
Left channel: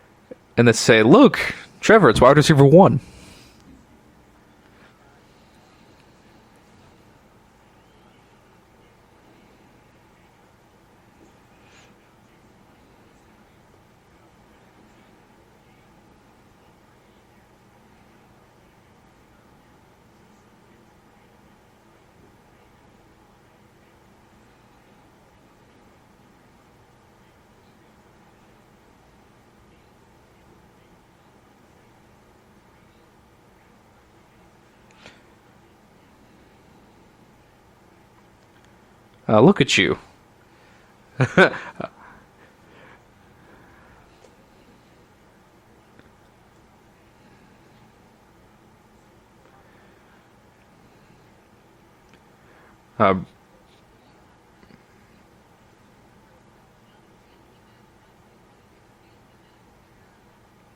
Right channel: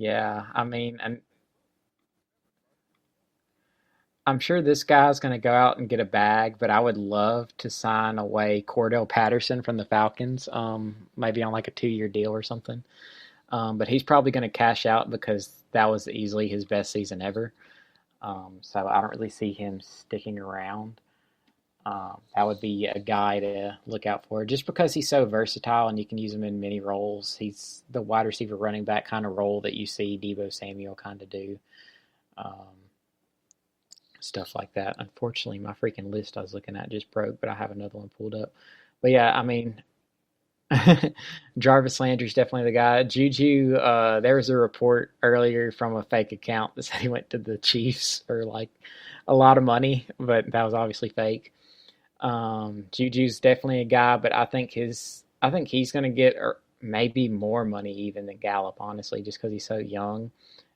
Yeah. And they say, look, Trevor, it's wide receiver 1. I'm sure this guy's going to go out and get a bag, but I would love to sign away Cordell Patterson from the Falcons, maybe on like a 2-year deal or something. But he's probably going to cash out because that was easily his best season ever. So I don't really see him sticking around. That would be a guy to look out for just because he's so versatile and you can use him in many roles. He's the wide receiver running back kind of role that you see Deebo Samuel kind of do. stuff like that. Unfortunately, my freaking list I was looking at just broke, but I have another one pulled up. But yeah, Look at you. Jarvis Landry's definitely the guy. Juju, there was a report earlier from a fake account that said he went to the Chiefs for like a lot of money, but that was obviously fake. Juju's definitely a guy, but I think he's going to get maybe more money even than Gallup, honestly, just because he's so young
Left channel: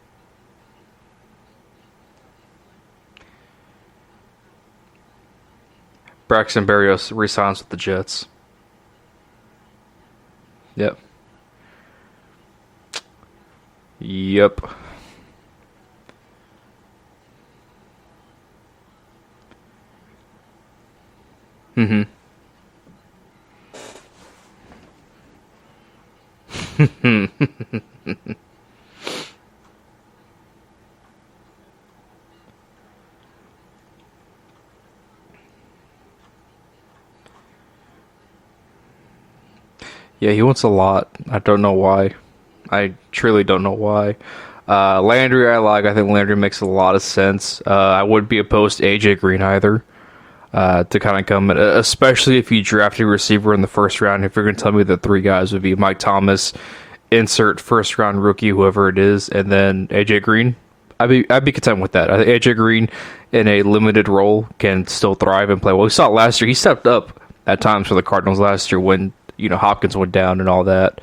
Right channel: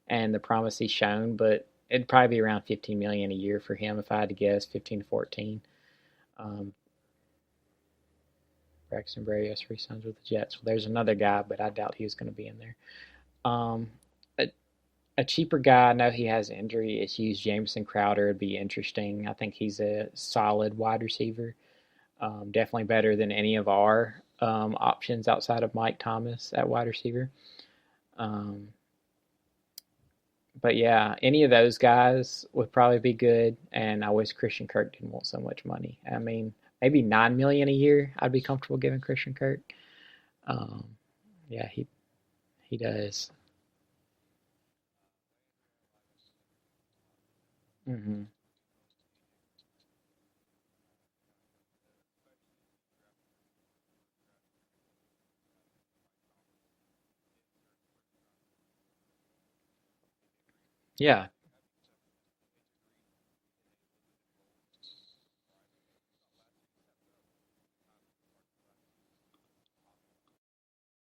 and the promise he's shown. But it'd probably be around $15 million a year for him if I had to guess, 15 to 14. Braxton Berrios resigns with the Jets. Braxton Berrios resigns with the Jets. There's another guy, but I doubt he was going to be in there. Yep. A cheaper guy, I know he has injury issues. Jameson Crowder would be interesting. I think he's a solid wide receiver. Mm-hmm. Definitely better than any of our options outside of Mike Thomas at wide receiver. But yeah, any of those guys would probably be good. And I wish Christian Kirk didn't want so much money. I mean, maybe $9 million a year. I'd be comfortable giving Christian Kirk. Yeah, he wants a lot. I don't know why. I truly don't know why. Landry, I like. I think Landry makes a lot of sense. I wouldn't be opposed to AJ Green either. To kind of come in, especially if you draft a receiver in the first round. If you're going to tell me the three guys would be Mike Thomas, insert first round rookie, whoever it is, and then AJ Green, I'd be content with that. I think AJ Green in a limited role can still thrive and play well. We saw it last year. He stepped up at times for the Cardinals last year when Hopkins went down and all that.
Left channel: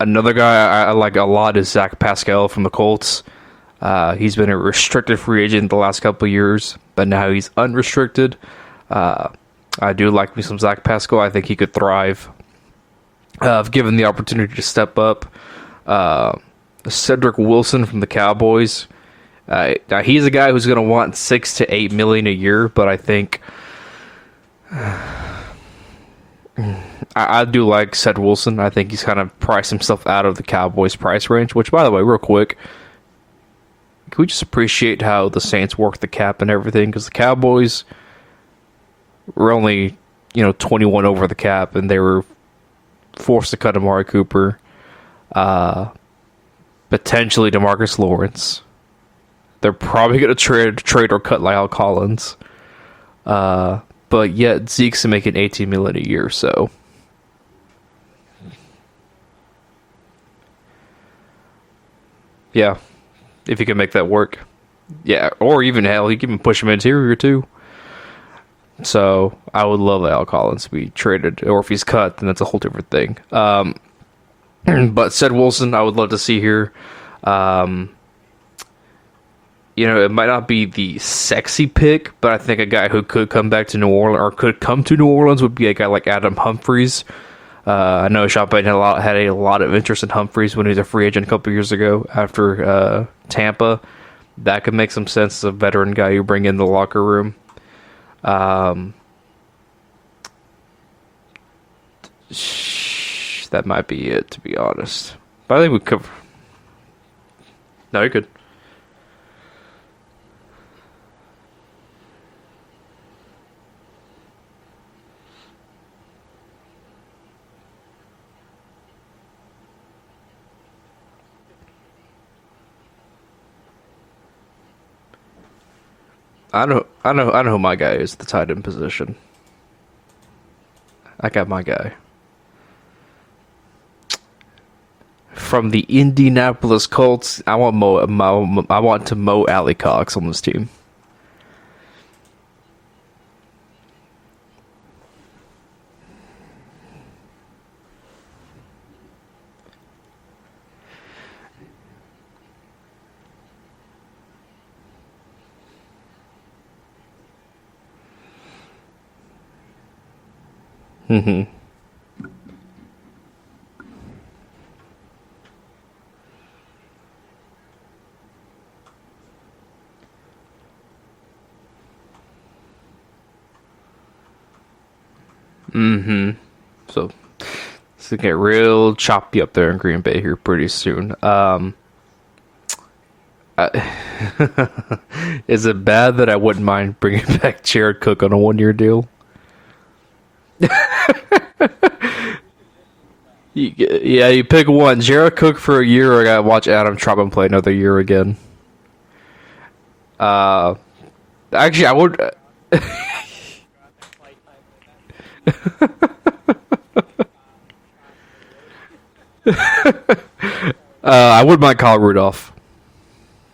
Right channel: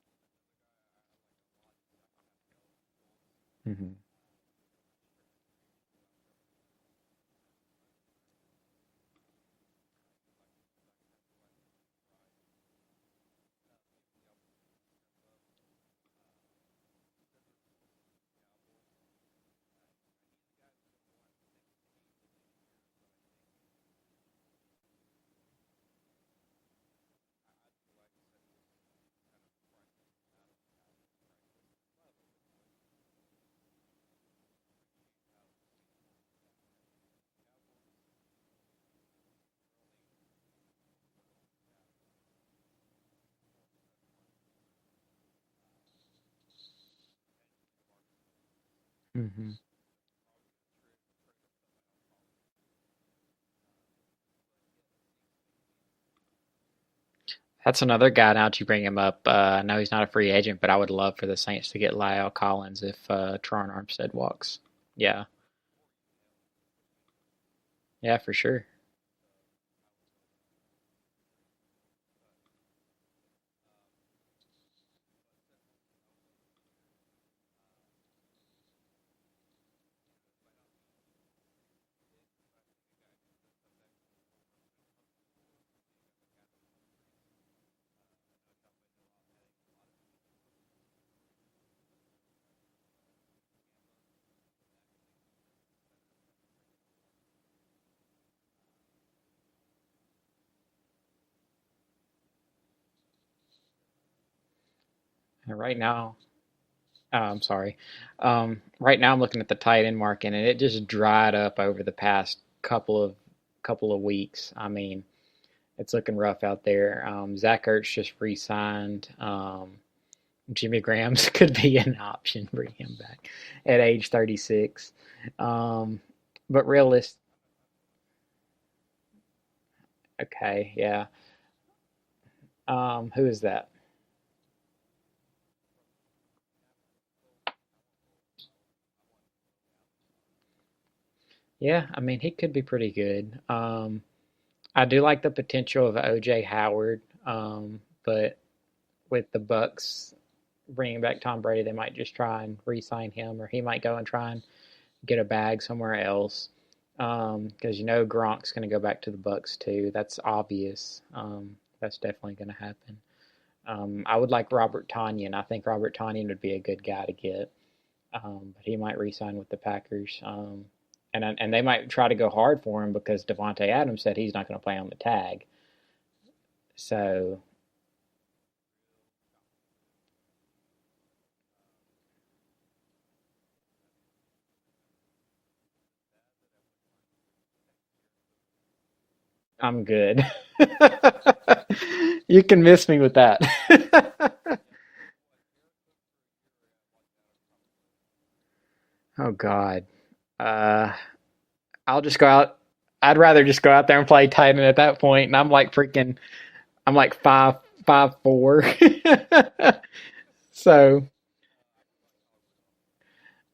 Another guy I like a lot is Zac Pascal from the Colts. He's been a restricted free agent the last couple of years, but now he's unrestricted. I do like me some Zac Pascal. I think he could thrive if given the opportunity to step up. Cedric Wilson from the Cowboys. Now he's a guy who's going to want $6 to $8 million a year, but I think I do like Ced Wilson. I think he's kind of priced himself out of the Cowboys' price range, which, by the way, real quick, can we just appreciate how the Saints work the cap and everything? Because the Cowboys were only, 21 over the cap, and they were forced to cut Amari Cooper, potentially DeMarcus Lawrence. Mm-hmm. They're probably going to trade or cut Lyle Collins. But yet Zeke's making $18 million a year, so that's another guy. Now that you bring him up, I know he's not a free agent, but I would love for the Saints to get Lyle Collins if you can make that work. Yeah, or even hell, you can even push him interior too. Yeah, for sure. So I would love Lyle Collins to be traded, or if he's cut, then that's a whole different thing. But Ced Wilson, I would love to see here. It might not be the sexy pick, but I think a guy who could come back to New Orleans or could come to New Orleans would be a guy like Adam Humphries. I know Sean Payton had a lot of interest in Humphries when he was a free agent a couple years ago after Tampa. That could make some sense as a veteran guy you bring in the locker room. That might be it, to be honest. But I think we could. I'm sorry. No, you could. Right now, I'm looking at the tight end market, and it just dried up over the past couple of weeks. I mean, it's looking rough out there. Zach Ertz just re-signed. Jimmy Graham's could be an option. Bring him back at age 36. I know who my guy is. The tight end position. Okay, yeah. I got my guy. Who is that? From the Indianapolis Colts, I want Mo Alley Cox on this team. Yeah, I mean, he could be pretty good. I do like the potential of O.J. Howard, but with the Bucks bringing back Tom Brady, they might just try and re-sign him, or he might go and try and get a bag somewhere else. Because Gronk's going to go back to the Bucks too. That's obvious. Mm-hmm. That's definitely going to happen. I would like Robert Tonyan. I think Robert Tonyan would be a good guy to get. He might re-sign with the Packers. And they might try to go hard for him because Devontae Adams said he's not going to play on the tag. Mm-hmm. So it's going to get real choppy up there in Green Bay here pretty soon. Is it bad that I wouldn't mind bringing back Jared Cook on a 1-year deal? I'm good. You can miss me with that. Yeah, you pick one. Jared Cook for a year, or I got to watch Adam Trautman play another year again. Oh, God. Uh, Uh, actually, I I'll would. just go out. I'd rather just go out there and play tight end at that point. And I'm like freaking. I'm like 5'4". So I would mind Kyle Rudolph.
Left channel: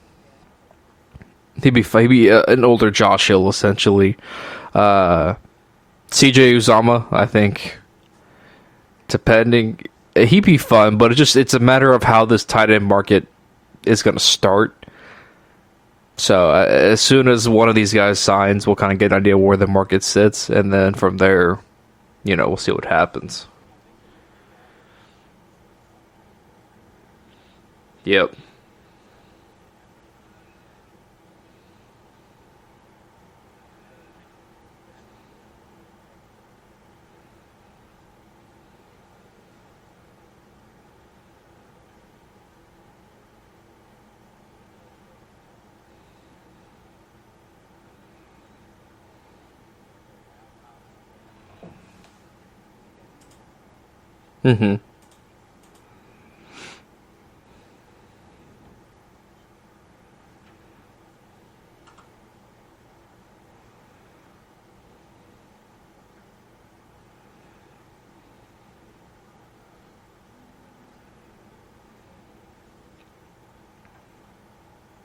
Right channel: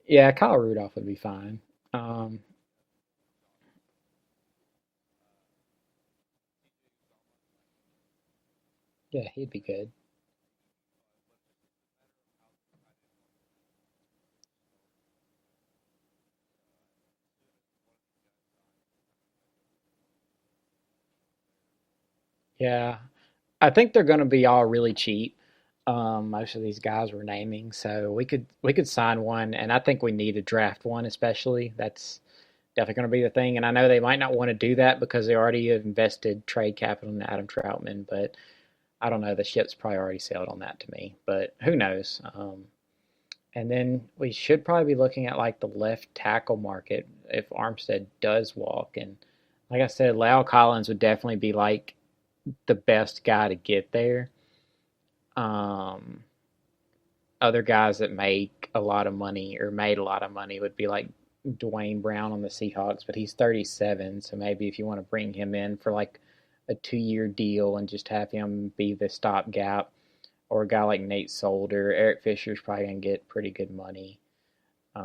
yeah, Kyle Rudolph would be fine. He'd be an older Josh Hill essentially. Uh, CJ Uzama, I think, depending, he'd be fun, but it's a matter of how this tight end market is going to start. So as soon as one of these guys signs, we'll kind of get an idea where the market sits, and then from there, we'll see what Yeah, happens. I think they're going to be all really cheap. Most of these guys we're naming, so Yep. we could sign one, and I think we need to draft one, especially. That's definitely going to be the thing. And I know they might not want to do that because they already invested trade capital in Adam Troutman, but I don't know. The ship's probably already sailed on that to me, but who knows? And then we should probably be looking at like the left tackle market if Armstead does walk. And like I said, Lau Collins would definitely be like the best guy to get there. Mm-hmm. Um, Other guys that make a lot of money or made a lot of money would be like Dwayne Brown on the Seahawks, but he's 37, so maybe if you want to bring him in for like a 2-year deal and just have him be the stopgap, or a guy like Nate Solder. Eric Fisher's probably going to get pretty good money. Um,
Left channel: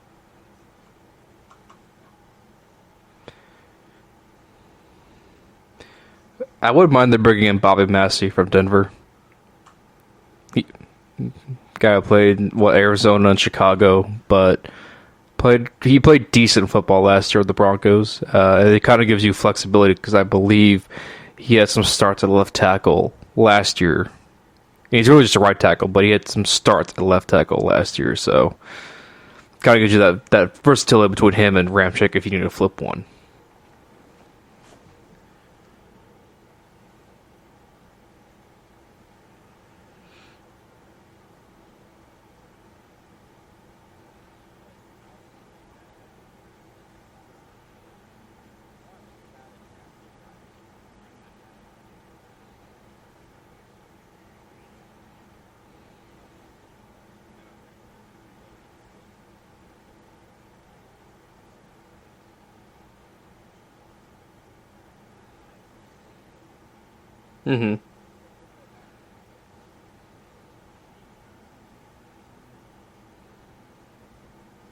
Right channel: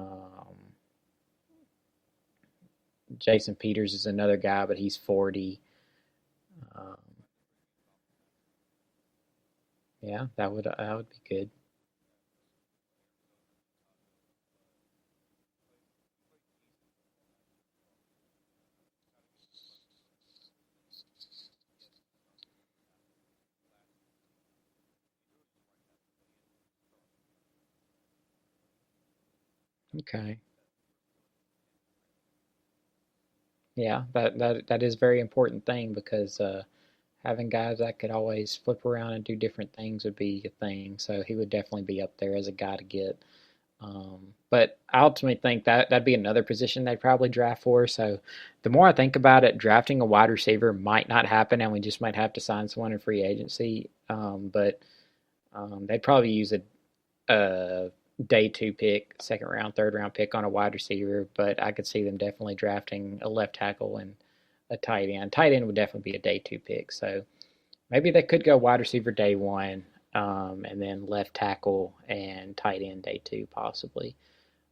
Jason Peters is another guy, but he's 40. I wouldn't mind them bringing in Bobby Massey from Denver. Yeah, that would be good. Guy who played Arizona and Chicago, but he played decent football last year with the Broncos. It kind of gives you flexibility because I believe he had some starts at left tackle last year. He's really just a right tackle, but he had some starts at left tackle last year, so kind of gives you that versatility between him and Ramczyk if you need to flip one. Yeah, that is a very important thing because having guys that could always flip around and do different things would be a thing. So he would definitely be up there as a guy to get. Um, but I ultimately think that'd be another position they'd probably draft for. So the more I think about it, drafting a wide receiver might not happen, and we just might have to sign someone in free agency. But they'd probably use a day 2 pick, second round, third round pick on a wide receiver. But I could see them definitely drafting a left tackle and a tight end. Tight end would definitely be a day 2 pick. So maybe they could go wide receiver day 1, and then left tackle and tight end day 2 possibly.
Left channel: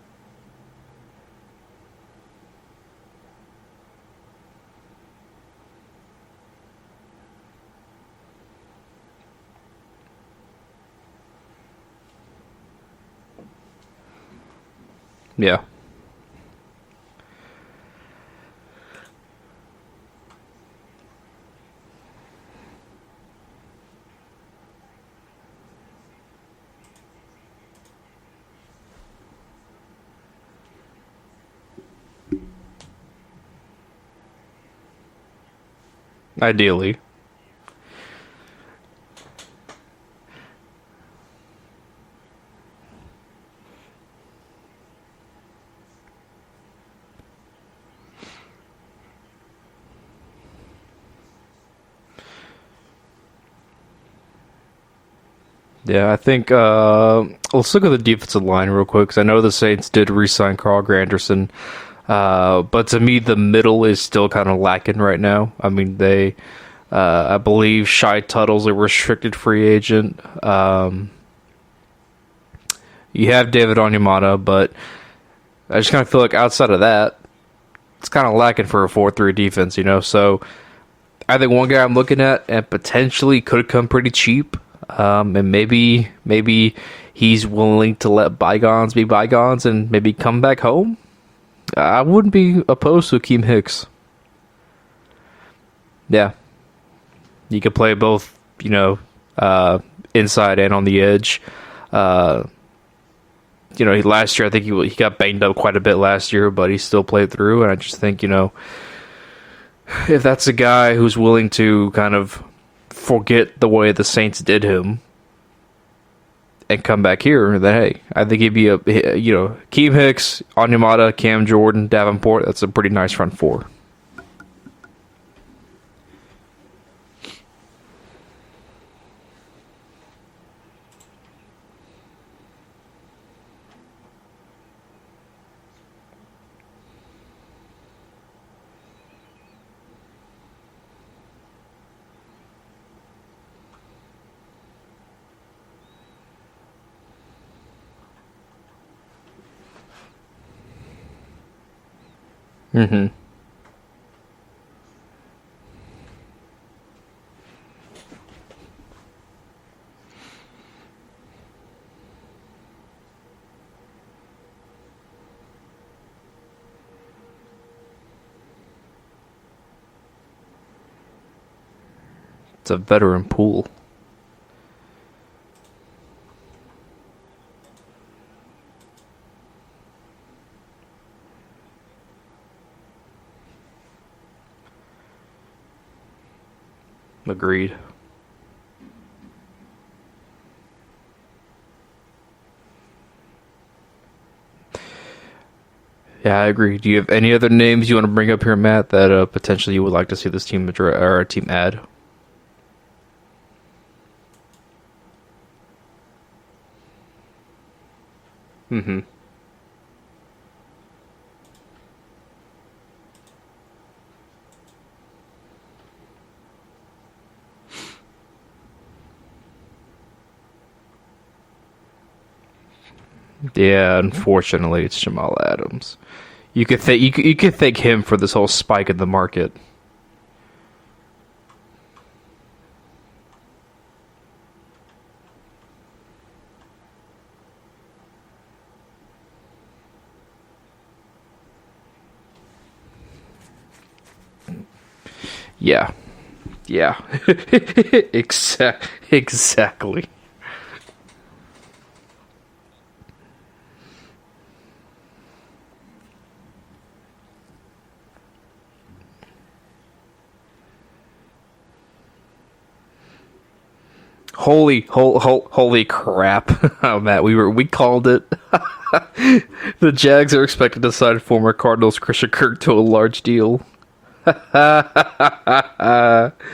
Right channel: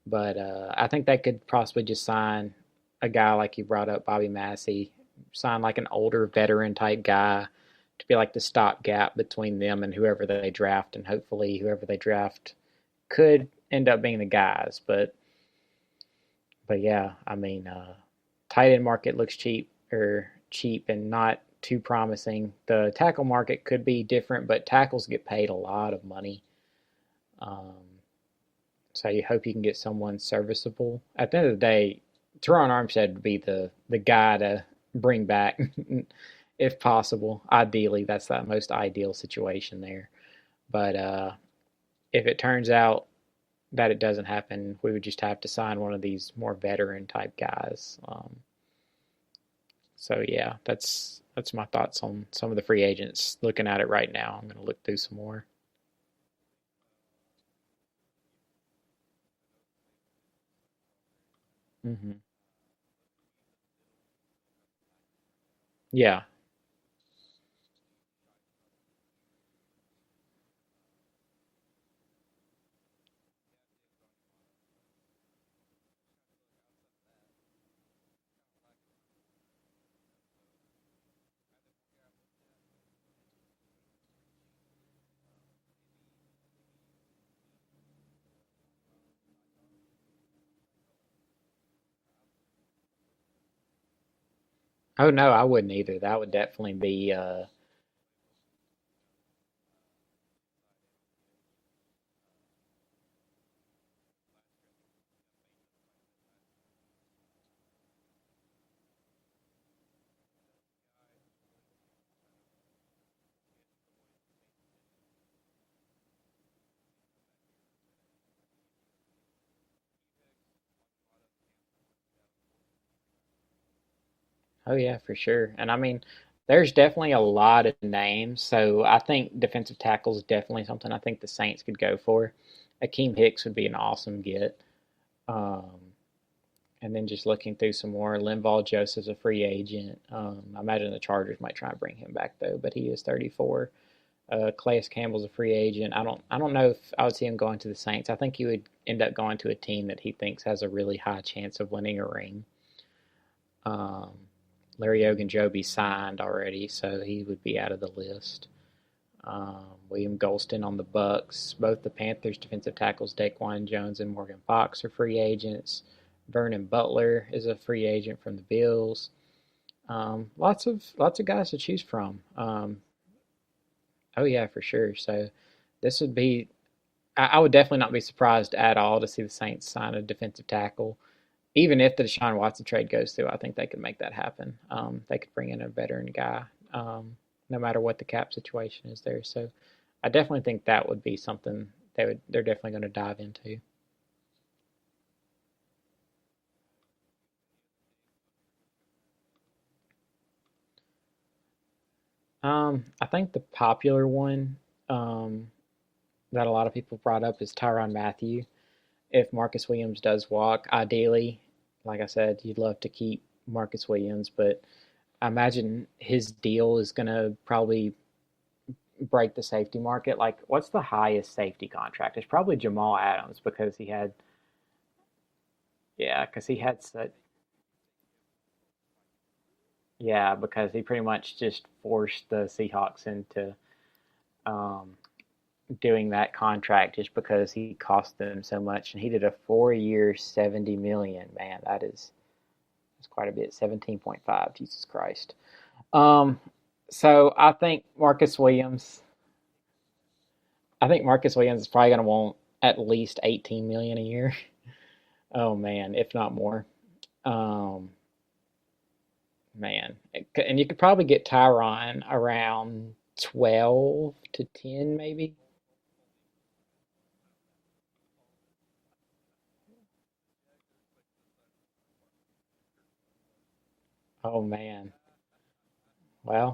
But I think they could possibly just sign a guy like you brought up, Bobby Massey, sign like an older veteran type guy to be like the stopgap between them and whoever they draft, and hopefully whoever they draft could end up being the guys. But yeah, I mean, tight end market looks cheap and not too promising. The tackle market could be different, but tackles get paid a lot of money. So you hope you can get someone serviceable. At the end of the day, Teron Armstead would be the guy to bring back, ideally. if possible. Ideally, that's the most ideal situation there. But if it turns out that it doesn't happen, we would just have to sign one of these more veteran type guys. So yeah, that's my thoughts on some of the free agents. Looking at it right now, I'm going to look through some more. Yeah, I think let's look at the defensive line real quick because I know the Saints did re-sign Carl Granderson, but to me the middle is still kind of lacking right now. I mean, they, I believe Shai Tuttle's a restricted free agent. You have David Onyemata, but I just kind of feel like outside of that, it's kind of lacking for a 4-3 defense, So I think one guy I'm looking at and potentially could come pretty cheap. And maybe he's willing to let bygones be bygones and maybe come back home. I wouldn't be opposed to Akeem Hicks. Oh no, I wouldn't either. That would definitely be. You could play both, inside and on the edge. Last year I think he got banged up quite a bit last year, but he still played through. And I just think if that's a guy who's willing to kind of forget the way the Saints did him and come back here, then hey, I think he'd be Keem Hicks, Onyemata, Cam Jordan, Davenport. That's a pretty nice front four. Oh yeah, for sure. And I mean, there's definitely a lot of names, so I think defensive tackle is definitely something I think the Saints could go for. Akeem Hicks would be an awesome get. And then just looking through some more, Linval Joseph's a free agent. I imagine the Chargers might try and bring him back though, but he is 34. Calais Campbell's a free agent. I don't know if I would see him going to the Saints. I think he would end up going to a team that he thinks has a really high chance of winning a ring. Mm-hmm. Um, Larry Ogunjobi signed already, so he would be out of the list. Um, William Golston on the Bucks. Both the Panthers defensive tackles Daquan Jones and Morgan Fox are free agents. Vernon Butler is a free agent from the Bills. Lots of guys to choose from. It's a veteran pool. Oh yeah, for sure. So this would be. I would definitely not be surprised at all to see the Saints sign a defensive tackle. Even if the Deshaun Watson trade goes through, I think they could make that happen. They could bring in a veteran guy. Agreed. No matter what the cap situation is there. So I definitely think that would be something they're definitely going to dive into. Yeah, I agree. Do you have any other names you want to bring up here, Matt, that potentially you would like to see this team or a team add? I think the popular one that a lot of people brought up is Tyrann Mathieu. Mm-hmm. If Marcus Williams does walk, ideally, like I said, you'd love to keep Marcus Williams, but I imagine his deal is going to probably break the safety market. Like, what's the highest safety contract? It's probably Jamal Adams. Yeah, unfortunately, it's Jamal Adams. Yeah, because you could thank him for this whole spike in the market. Yeah, because he pretty much just forced the Seahawks into doing that contract just because he cost them so much, and he did a 4-year, $70 million. Man, that's quite a bit. 17.5. Jesus Christ. Yeah. Yeah. So I think Marcus Williams. Exactly. I think Marcus Williams is probably going to want at least $18 million a year. Oh man, if not more. Man, and you could probably get Tyrann around 12. Holy crap! Oh, Matt, we called it. The Jags are expected to sign former Cardinals Christian Kirk to a large deal. Oh, man. Well,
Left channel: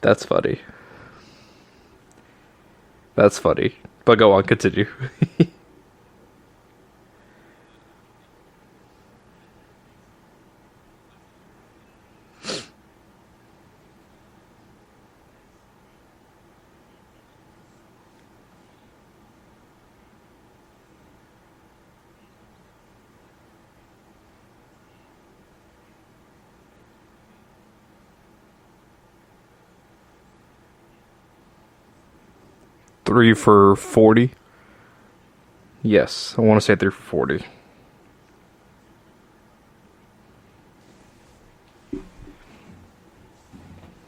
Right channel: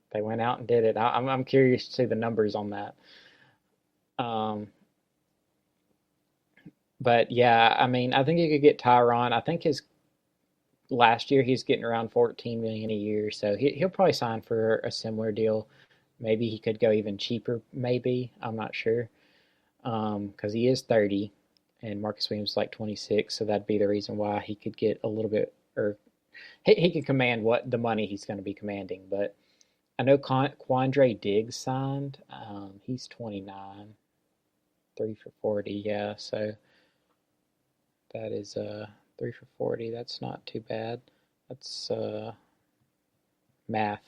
that's funny. Did it? I'm curious to see the numbers on that. That's funny. But go on, continue. But yeah, I mean, I think you could get Tyrann. I think last year he's getting around $14 million a year, so he'll probably sign for a similar deal. Maybe he could go even cheaper. Maybe, I'm not sure, because he is 30, and Marcus Williams is like 26, so that'd be the reason why he could get a little bit, or he could command what the money he's going to be commanding. But I know Quandre Diggs signed. He's 3 for 40. 3 for 40. Yeah, yes, so I want to say 3 for 40. that is 3 for 40. That's not too bad. That's math.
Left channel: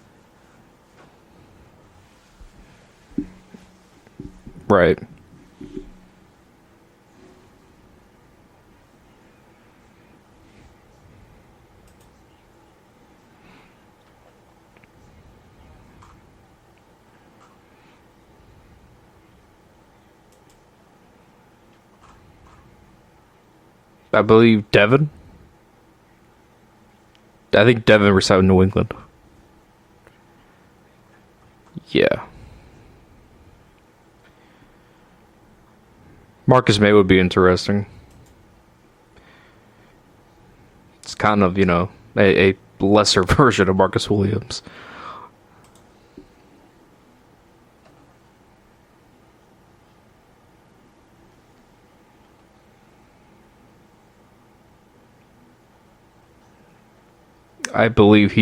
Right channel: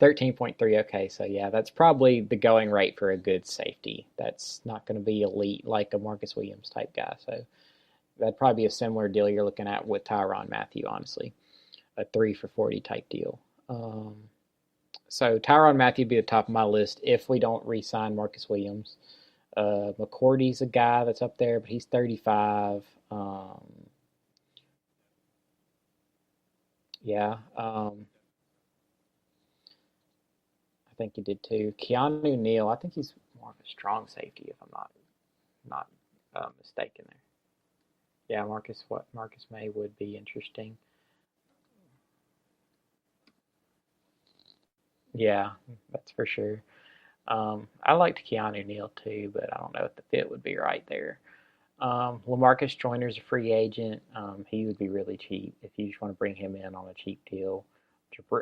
13.3. Okay, so yeah, that's probably the going rate for a good safety. That's right. Going to be elite, like a Marcus Williams type guy. So that'd probably be a similar deal you're looking at with Tyrann Mathieu, honestly. A 3 for 40 type deal. So Tyrann Mathieu would be the top of my list if we don't re-sign Marcus Williams. McCourty's a guy that's up there, but he's 35. I believe Devin. Yeah. I think Devin resigned in New England. I think he did too. Yeah. Keanu Neal, I think he's more of a strong safety if I'm not Marcus May would be interesting. Yeah, Marcus May would be interesting. It's kind of, a lesser version of Marcus Williams. Yeah, that's for sure. I liked Keanu Neal too, but I don't know if the fit would be right there. Lamarcus Joyner's a free agent. He would be really cheap if you just want to bring him in on a cheap deal. I believe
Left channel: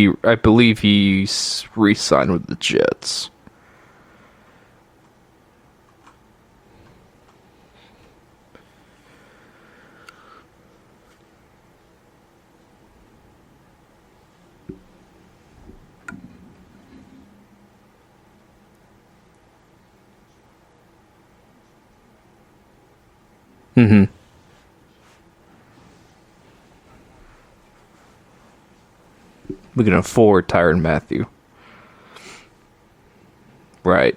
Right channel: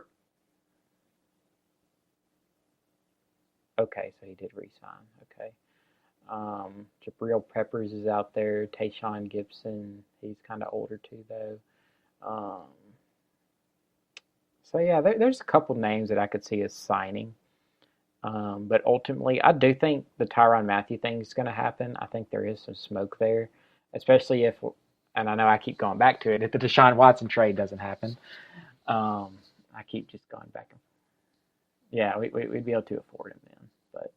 he's re-signed with the Jets. Okay, so he did re-sign. Okay. Jabril Peppers is out there. Tayshaun Gibson, he's kind of older too, though. So yeah, there's a couple names that I could see as signing. But ultimately, I do think the Tyrann Mathieu thing is going to happen. I think there is some smoke there, especially if, and I know I keep going back to it, if the Deshaun Watson trade doesn't happen. We can afford Tyrann Mathieu. Yeah, we'd be able to afford it. Right.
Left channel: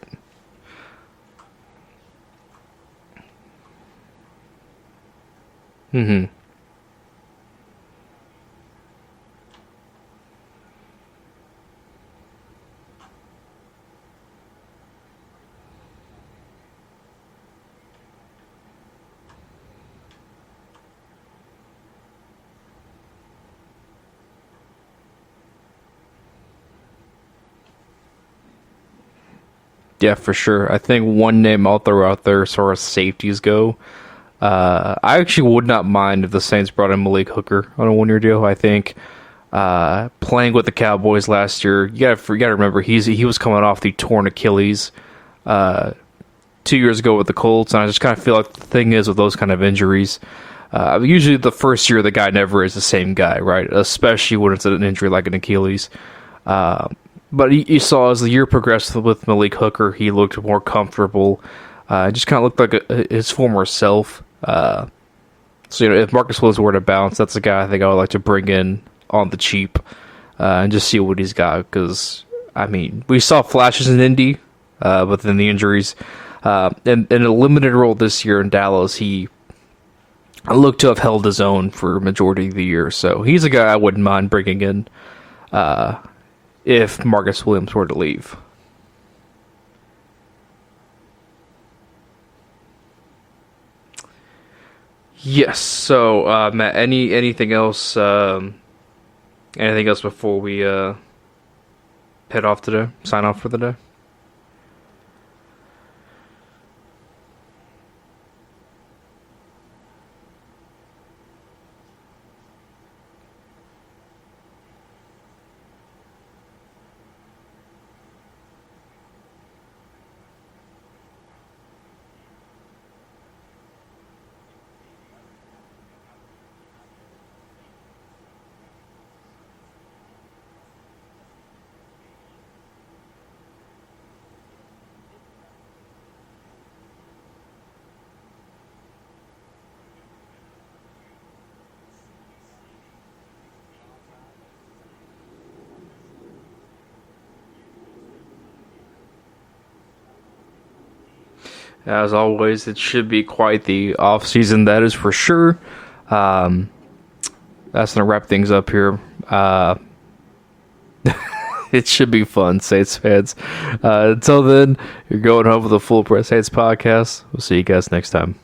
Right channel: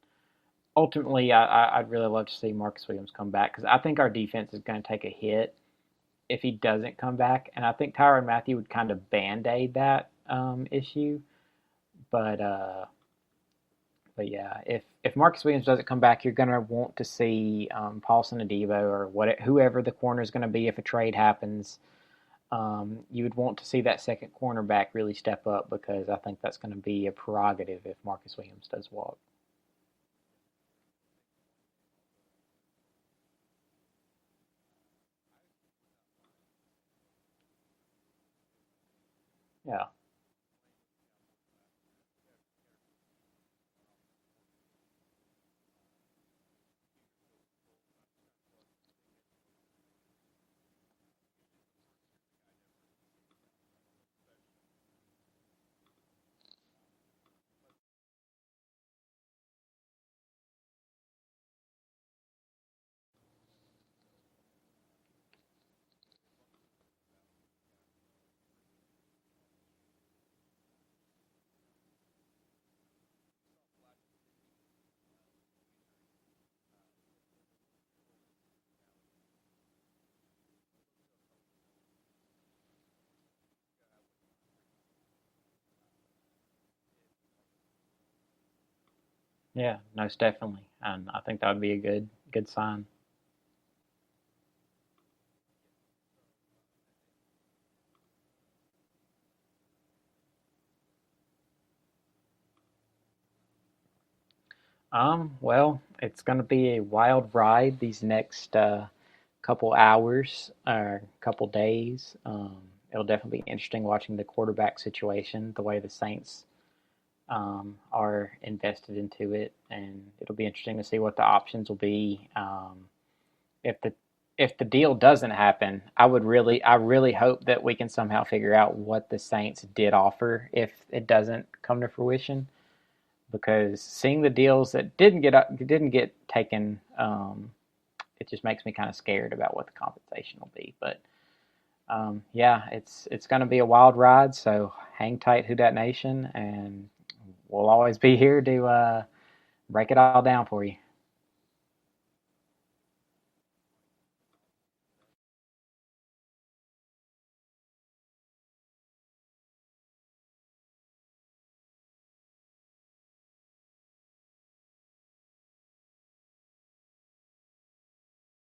Ultimately, I'd really love to see Marcus Williams come back because I think our defense is going to take a hit if he doesn't come back. And I think Tyrann Mathieu would kind of band-aid that issue. But But yeah, if Marcus Williams doesn't come back, you're gonna want to see Paulson Adebo or whoever the corner is going to be if a trade happens. You would want to see that second cornerback really step up because I think that's going to be a prerogative if Marcus Williams does walk. Yeah, for sure. I think one name I'll throw out there as far as safeties go. I actually would not mind if the Saints brought in Malik Hooker on a 1-year deal. I think playing with the Cowboys last year, you gotta remember he was coming off the torn Achilles 2 years ago with the Colts, and I just kind of feel like the thing is with those kind of injuries, usually the first year the guy never is the same guy, right? Especially when it's an injury like an Achilles. But you saw as the year progressed with Malik Hooker, he looked more comfortable. Just kind of looked like his former self. So if Marcus Williams were to bounce, that's a guy I think I would like to bring in on the cheap and just see what he's got. Because I mean, we saw flashes in Indy, but then the injuries. And in a limited role this year in Dallas, he looked to have held his own for a majority of the year. So he's a guy I wouldn't mind bringing in if Marcus Williams were to leave. Yeah, most definitely. And I think that would be a good sign. Yes. So, Matt, anything else? Anything else before we head off today? Sign off for the day. Well, it's going to be a wild ride these next couple hours or couple days. It'll definitely be interesting watching the quarterback situation, the way the Saints are invested into it, and it'll be interesting to see what the options will be. If the deal doesn't happen, I really hope that we can somehow figure out what the Saints did offer if it doesn't come to fruition. Because seeing the deals that didn't get taken, it just makes me kind of scared about what the compensation will be. But yeah, it's going to be a wild ride. So hang tight, Who Dat Nation, and we'll always be here to break it all down for you. As always, it should be quite the off season, that is for sure. That's gonna wrap things up here. It should be fun, Saints fans. Until then, you're going home with a Full Press Saints podcast. We'll see you guys next time.